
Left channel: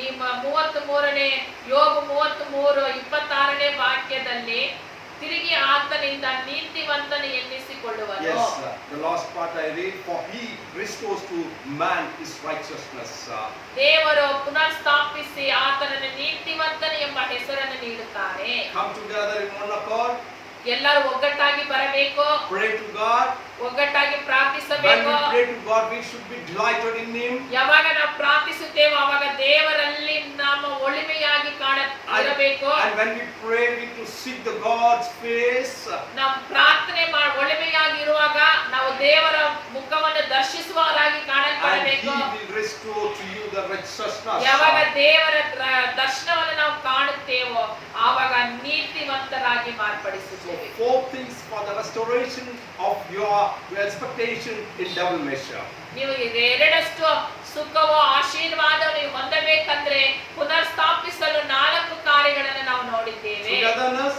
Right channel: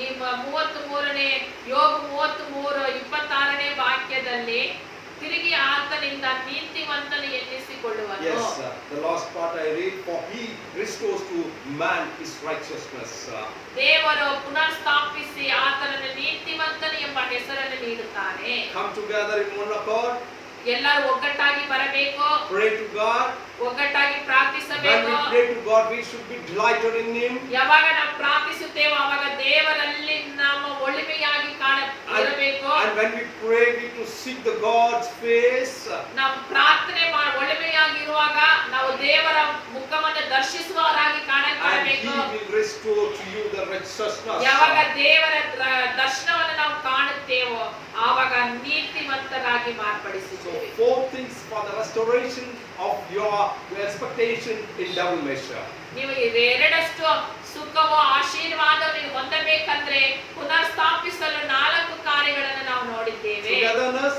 ಈ 33ನೇ ಯೋಬ 33:26ನೇ ವಾಕ್ಯದಲ್ಲಿ ತಿರುಗಿ ಆತನಿಂದ ನೀತಿವಂತನು ಎನ್ನಿಸಿಕೊಳ್ಳುವನು. Yes, the last part I read, for He restores to man his righteousness. ದೇವರು ಪುನರ್ ಸ್ಥಾಪಿಸಿ ಆತನನ್ನು ನೀತಿವಂತನು ಎಂಬ ಹೆಸರನ್ನು ನೀಡುತ್ತಾನೆ. Come together in one accord, ಎಲ್ಲರೂ ಒಗ್ಗಟ್ಟಾಗಿ ಬರಬೇಕು, pray to God. ಒಗ್ಗಟ್ಟಾಗಿ When ಪ್ರಾರ್ಥಿಸಬೇಕು. we pray to God, we should be delighted in Him. ಯಾವಾಗ ನಾವು ಪ್ರಾರ್ಥಿಸುತ್ತೇವೋ ಆವಾಗ ದೇವರಲ್ಲಿ ನಮ್ಮ ಒಳಿಮೆಯಾಗಿ ಇರಬೇಕು. And when we pray, we to seek the God's face. ನಾವು ಪ್ರಾರ್ಥನೆ ಒಳಿಮೆಯಾಗಿರುವಾಗ ನಾವು ದೇವರ ಮುಖವನ್ನು ದರ್ಶಿಸುವವರಾಗಿ And ಕಾಣಲ್ಪಡಬೇಕು. He will restore to you the righteousness. ಯಾವಾಗ ದೇವರ ದರ್ಶನವನ್ನು ನಾವು ಕಾಣುತ್ತೇವೋ ಆವಾಗ ನೀತಿವಂತರಾಗಿ So ಮಾರ್ಪಡಿಸುತ್ತೇವೆ. 4 things for the restoration of your expectation in double measure. ನೀವು ಎರಡಷ್ಟು ಸುಖವೋ ಆಶೀರ್ವಾದವನ್ನು ನೀವು ಹೊಂದಬೇಕಂದ್ರೆ ಪುನರ್ ಸ್ಥಾಪಿಸಲು 4 ಕಾರ್ಯಗಳನ್ನು ನಾವು ನೋಡಿದ್ದೇವೆ. Togetherness,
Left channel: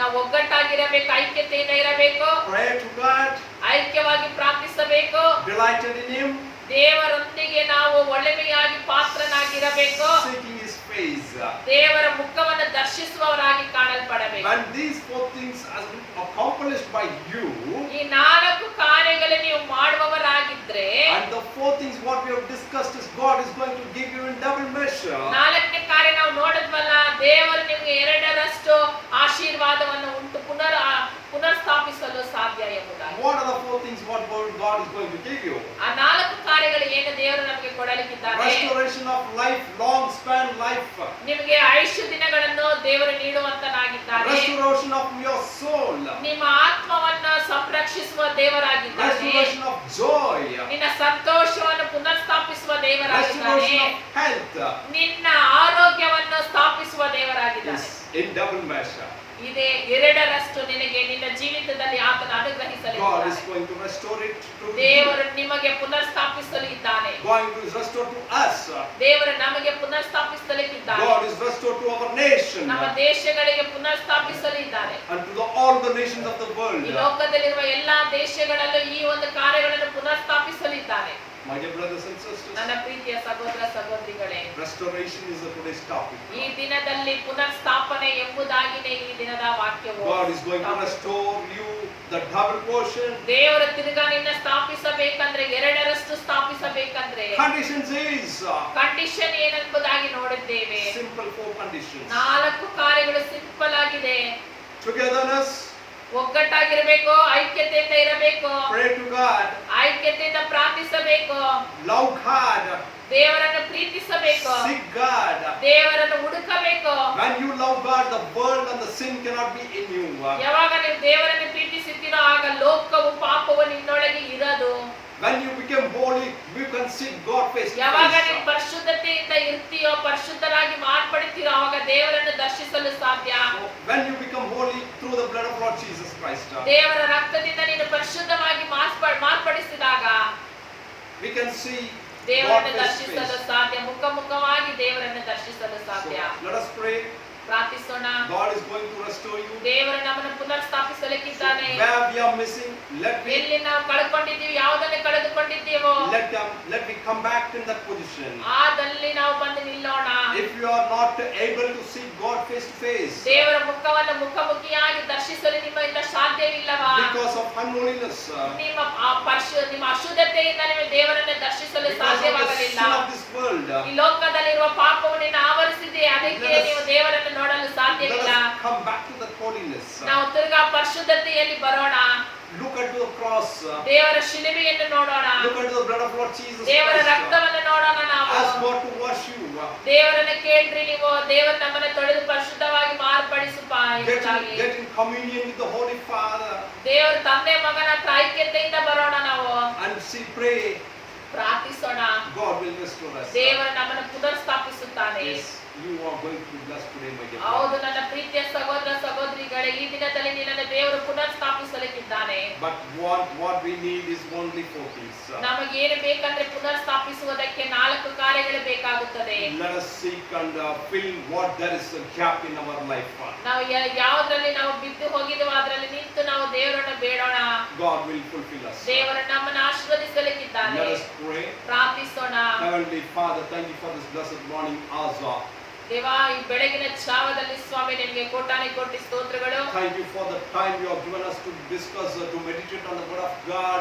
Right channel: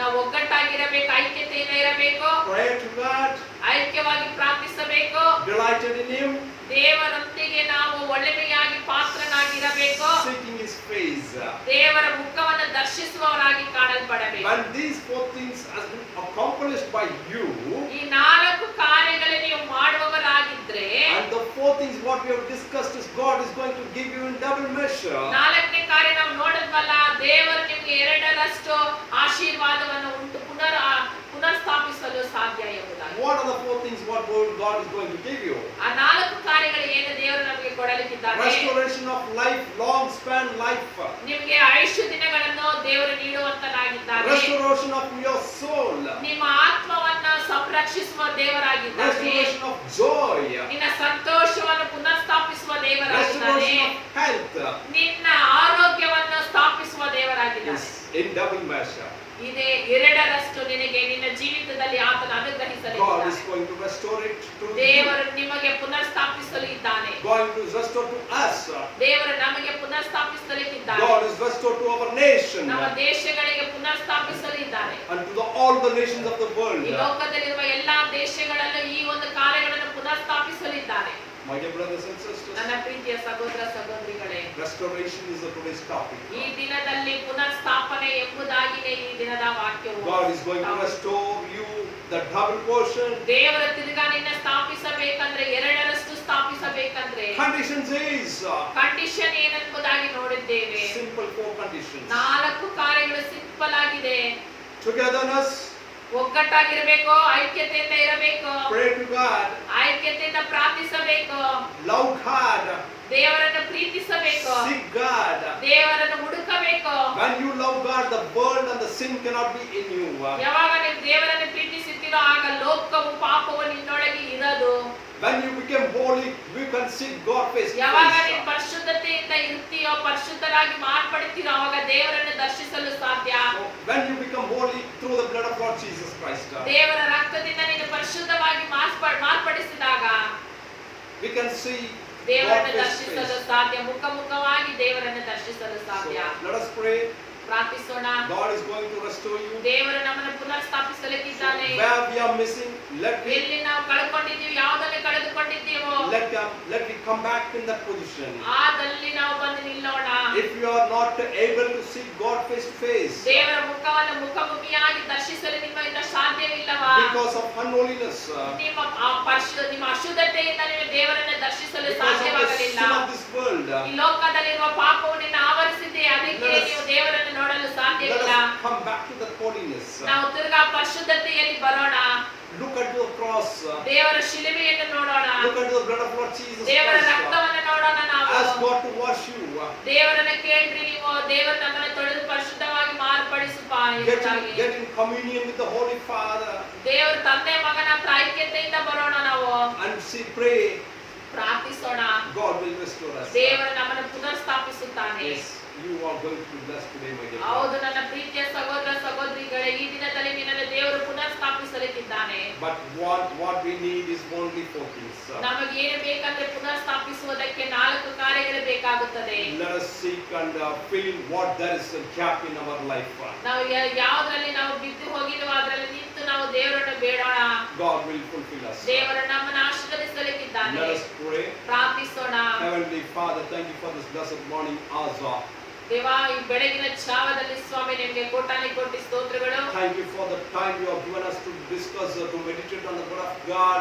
ನಾವು ಒಗ್ಗಟ್ಟಾಗಿರಬೇಕು, ಐಕ್ಯತೆಯಿಂದ ಇರಬೇಕು, pray to God, ಐಕ್ಯವಾಗಿ ಪ್ರಾರ್ಥಿಸಬೇಕು, delighted in Him, ದೇವರೊಂದಿಗೆ ನಾವು ಒಳ್ಳೆಮೆಯಾಗಿ ಪಾತ್ರನಾಗಿರಬೇಕು, seeking His face. ದೇವರ ಮುಖವನ್ನು ದರ್ಶಿಸುವವರಾಗಿ ಕಾಣಲ್ಪಡಬೇಕು. When these four things has been accomplished by you, ಈ 4 ಕಾರ್ಯಗಳು ನೀವು ಮಾಡುವವರಾಗಿದ್ರೆ, and the four things what we have discussed is God is going to give you in double measure. 4ನೇ ಕಾರ್ಯ ನಾವು ನೋಡಿದ್ವಲ್ಲ, ದೇವರು ನಿಮಗೆ 2ರಷ್ಟು ಆಶೀರ್ವಾದವನ್ನು ಉಂಟು ಪುನರ್ಸ್ಥಾಪಿಸಲು ಸಾಧ್ಯ ಎಂಬುದಾಗಿ. What are the four things what God is going to give you? ಆ 4 ಕಾರ್ಯಗಳು ಏನು ದೇವರು ನಮಗೆ ಕೊಡಲಿಕ್ಕಿದ್ದಾನೆ? Restoration of life, long span life. ನಿಮಗೆ ಆಯುಷ್ಯ ದಿನಗಳನ್ನು ದೇವರು ನೀಡುವಂತನಾಗಿದ್ದಾನೆ. Restoration of your soul. ನಿಮ್ಮ ಆತ್ಮವನ್ನು ಸಂರಕ್ಷಿಸುವ ದೇವರಾಗಿದ್ದಾನೆ. Restoration of joy. ನಿನ್ನ ಸಂತೋಷವನ್ನು ಪುನರ್ಸ್ಥಾಪಿಸುವ ದೇವರಾಗಿದ್ದಾನೆ. Restoration of health. ನಿನ್ನ ಆರೋಗ್ಯವನ್ನು ಸ್ಥಾಪಿಸುವ ದೇವರಾಗಿದ್ದಾನೆ. Yes, in double measure. ಇದೇ 2ರಷ್ಟು ನಿನಗೆ ನಿನ್ನ ಜೀವಿತದಲ್ಲಿ ಆತನ God ಅನುಗ್ರಹಿಸಲಿದ್ದಾನೆ. is going to restore it to you. ದೇವರು ನಿಮಗೆ ಪುನರ್ಸ್ಥಾಪಿಸಲು ಇದ್ದಾನೆ. Going to restore to us. ದೇವರು ನಮಗೆ ಪುನರ್ಸ್ಥಾಪಿಸಲಿಕ್ಕಿದ್ದಾನೆ. God is restored to our nation. ನಮ್ಮ ದೇಶಗಳಿಗೆ ಪುನರ್ಸ್ಥಾಪಿಸಲು ಇದ್ದಾನೆ. And to all the nations of the world. ಈ ಲೋಕದಲ್ಲಿರುವ ಎಲ್ಲಾ ದೇಶಗಳಲ್ಲೂ ಈ ಒಂದು ಕಾರ್ಯಗಳನ್ನು ಪುನರ್ಸ್ಥಾಪಿಸಲಿದ್ದಾನೆ. My dear brothers and sisters, ನನ್ನ ಪ್ರೀತಿಯ ಸಹೋದರ ಸಹೋದರಿಗಳೇ, restoration is today's topic. ಈ ದಿನದಲ್ಲಿ ಪುನರ್ಸ್ಥಾಪನೆ ಎಂಬುದಾಗಿನೇ ಈ ದಿನದ ವಾಕ್ಯವು. God is going to restore you the double portion. ದೇವರು ತಿರುಗಾ ನಿನ್ನ ಸ್ಥಾಪಿಸಬೇಕಂದ್ರೆ 2ರಷ್ಟು ಸ್ಥಾಪಿಸಬೇಕಂದ್ರೆ Conditions is ಕಂಡೀಷನ್ ಏನೆಂಬುದಾಗಿ ನೋಡಿದ್ದೇವೆ. simple 4 conditions. 4 ಕಾರ್ಯಗಳು ಸಿಂಪಲ್ ಆಗಿದೆ. Togetherness, ಒಗ್ಗಟ್ಟಾಗಿರಬೇಕು, ಐಕ್ಯತೆಯಿಂದ ಇರಬೇಕು, pray to God, ಐಕ್ಯತೆಯಿಂದ ಪ್ರಾರ್ಥಿಸಬೇಕು, love God, ದೇವರನ್ನು ಪ್ರೀತಿಸಬೇಕು, seek God. ದೇವರನ್ನು ಹುಡುಕಬೇಕು. When you love God, the world and the sin cannot be in you. ಯಾವಾಗ ನೀವು ದೇವರನ್ನು ಪ್ರೀತಿಸುತ್ತೀರೋ ಆಗ ಲೋಕವು ಪಾಪವು ನಿನ್ನೊಳಗೆ ಇರದು. When you become holy, you can seek God face to ಯಾವಾಗ face. ನೀವು ಪರಿಶುದ್ಧತೆಯಿಂದ ಇರ್ತೀಯೋ, ಪರಿಶುದ್ಧರಾಗಿ ಮಾರ್ಪಡ್ತೀರೋ, ಆವಾಗ ದೇವರನ್ನು ದರ್ಶಿಸಲು ಸಾಧ್ಯ. When you become holy through the blood of Lord Jesus Christ, ದೇವರ ರಕ್ತದಿಂದ ನೀನು ಪರಿಶುದ್ಧವಾಗಿ ಮಾರ್ಪಡಿಸಿದಾಗ we can see God ದೇವರನ್ನು face to ದರ್ಶಿಸಲು face. ಸಾಧ್ಯ. ಮುಖಾಮುಖವಾಗಿ ದೇವರನ್ನು ದರ್ಶಿಸಲು ಸಾಧ್ಯ. So, let us pray. ಪ್ರಾರ್ಥಿಸೋಣ. God is going to restore you. ದೇವರು ನಮ್ಮನ್ನು ಪುನರ್ಸ್ಥಾಪಿಸಲಿಕ್ಕಿದ್ದಾನೆ. Where we are missing, ಎಲ್ಲಿ ನಾವು ಕಳ್ಕೊಂಡಿದ್ದೀವಿ, ಯಾವುದನ್ನು ಕಳೆದುಕೊಂಡಿದ್ದೀವೋ let me come back in that position. ಆದಲ್ಲಿ ನಾವು ಬಂದು ನಿಲ್ಲೋಣ. If you are not able to see God face to face ದೇವರ ಮುಖವನ್ನು ಮುಖಾಮುಖಿಯಾಗಿ ದರ್ಶಿಸಲು ನಿಮ್ಮಿಂದ ಸಾಧ್ಯವಿಲ್ಲವಾ? because of unholiness, ನಿಮ್ಮ ಅಶುದ್ಧತೆಯಿಂದ ನೀವು ದೇವರನ್ನು ದರ್ಶಿಸಲು because of the ಸಾಧ್ಯವಾಗಲಿಲ್ಲ. sin of this world, ಈ ಲೋಕದಲ್ಲಿರುವ ಪಾಪವು ನಿನ್ನ ಆವರಿಸಿದೆ, ಅದಕ್ಕೆ ನೀವು ದೇವರನ್ನು ನೋಡಲು let ಸಾಧ್ಯವಿಲ್ಲ. us come back to the holiness. ನಾವು ತಿರ್ಗಾ ಪರಿಶುದ್ಧತೆಯಲ್ಲಿ ಬರೋಣ. Look at the cross. ದೇವರ ಶಿಲುಬೆಯನ್ನು ನೋಡೋಣ. Look at the blood of Lord Jesus ದೇವರ Christ. ರಕ್ತವನ್ನು ನೋಡೋಣ. ನಾವು Ask God to wash you. ದೇವರನ್ನ ಕೇಳ್ರಿ ನೀವು, ದೇವರು ನಮ್ಮನ್ನು ತೊಳೆದು ಪರಿಶುದ್ಧವಾಗಿ ಮಾರ್ಪಡಿಸುಪ್ಪ ಎಂಬುದಾಗಿ. Get in communion with the Holy Father ದೇವರು ತಂದೆ ಮಗನ ಐಕ್ಯತೆಯಿಂದ ಬರೋಣ. ನಾವು and pray. ಪ್ರಾರ್ಥಿಸೋಣ. God will restore us. ದೇವರು ನಮ್ಮನ್ನು ಪುನರ್ಸ್ಥಾಪಿಸುತ್ತಾನೆ. Yes, you are going to be blessed today, my dear ಹೌದು brother. ನನ್ನ ಪ್ರೀತಿಯ ಸಹೋದರ ಸಹೋದರಿಗಳೇ, ಈ ದಿನದಲ್ಲಿ ನಿನ್ನನ್ನು ದೇವರು ಪುನರ್ಸ್ಥಾಪಿಸಲಿಕ್ಕಿದ್ದಾನೆ. But what we need is only 4 things. ನಮಗೇನು ಬೇಕಂದ್ರೆ ಪುನರ್ಸ್ಥಾಪಿಸುವುದಕ್ಕೆ 4 ಕಾರ್ಯಗಳು ಬೇಕಾಗುತ್ತದೆ. Let us seek and fill what there is a gap in our life. ನಾವು ಯಾವುದ್ರಲ್ಲಿ ನಾವು ಬಿದ್ದು ಹೋಗಿದ್ವೋ ಅದರಲ್ಲಿ ನಿಂತು ನಾವು ದೇವರನ್ನು ಬೇಡೋಣ. God will fulfill us. ದೇವರು ನಮ್ಮನ್ನು ಆಶೀರ್ವದಿಸಲಿಕ್ಕಿದ್ದಾನೆ. Let us pray. ಪ್ರಾರ್ಥಿಸೋಣ. Heavenly Father, thank you for this blessed morning hour. ದೇವಾ, ಈ ಬೆಳಗಿನ ಜಾವದಲ್ಲಿ ಸ್ವಾಮಿ ನಿಮಗೆ ಕೋಟಾನೆ ಕೋಟಿ ಸ್ತೋತ್ರಗಳು. Thank you for the time you have given us to discuss, to meditate on the word of God.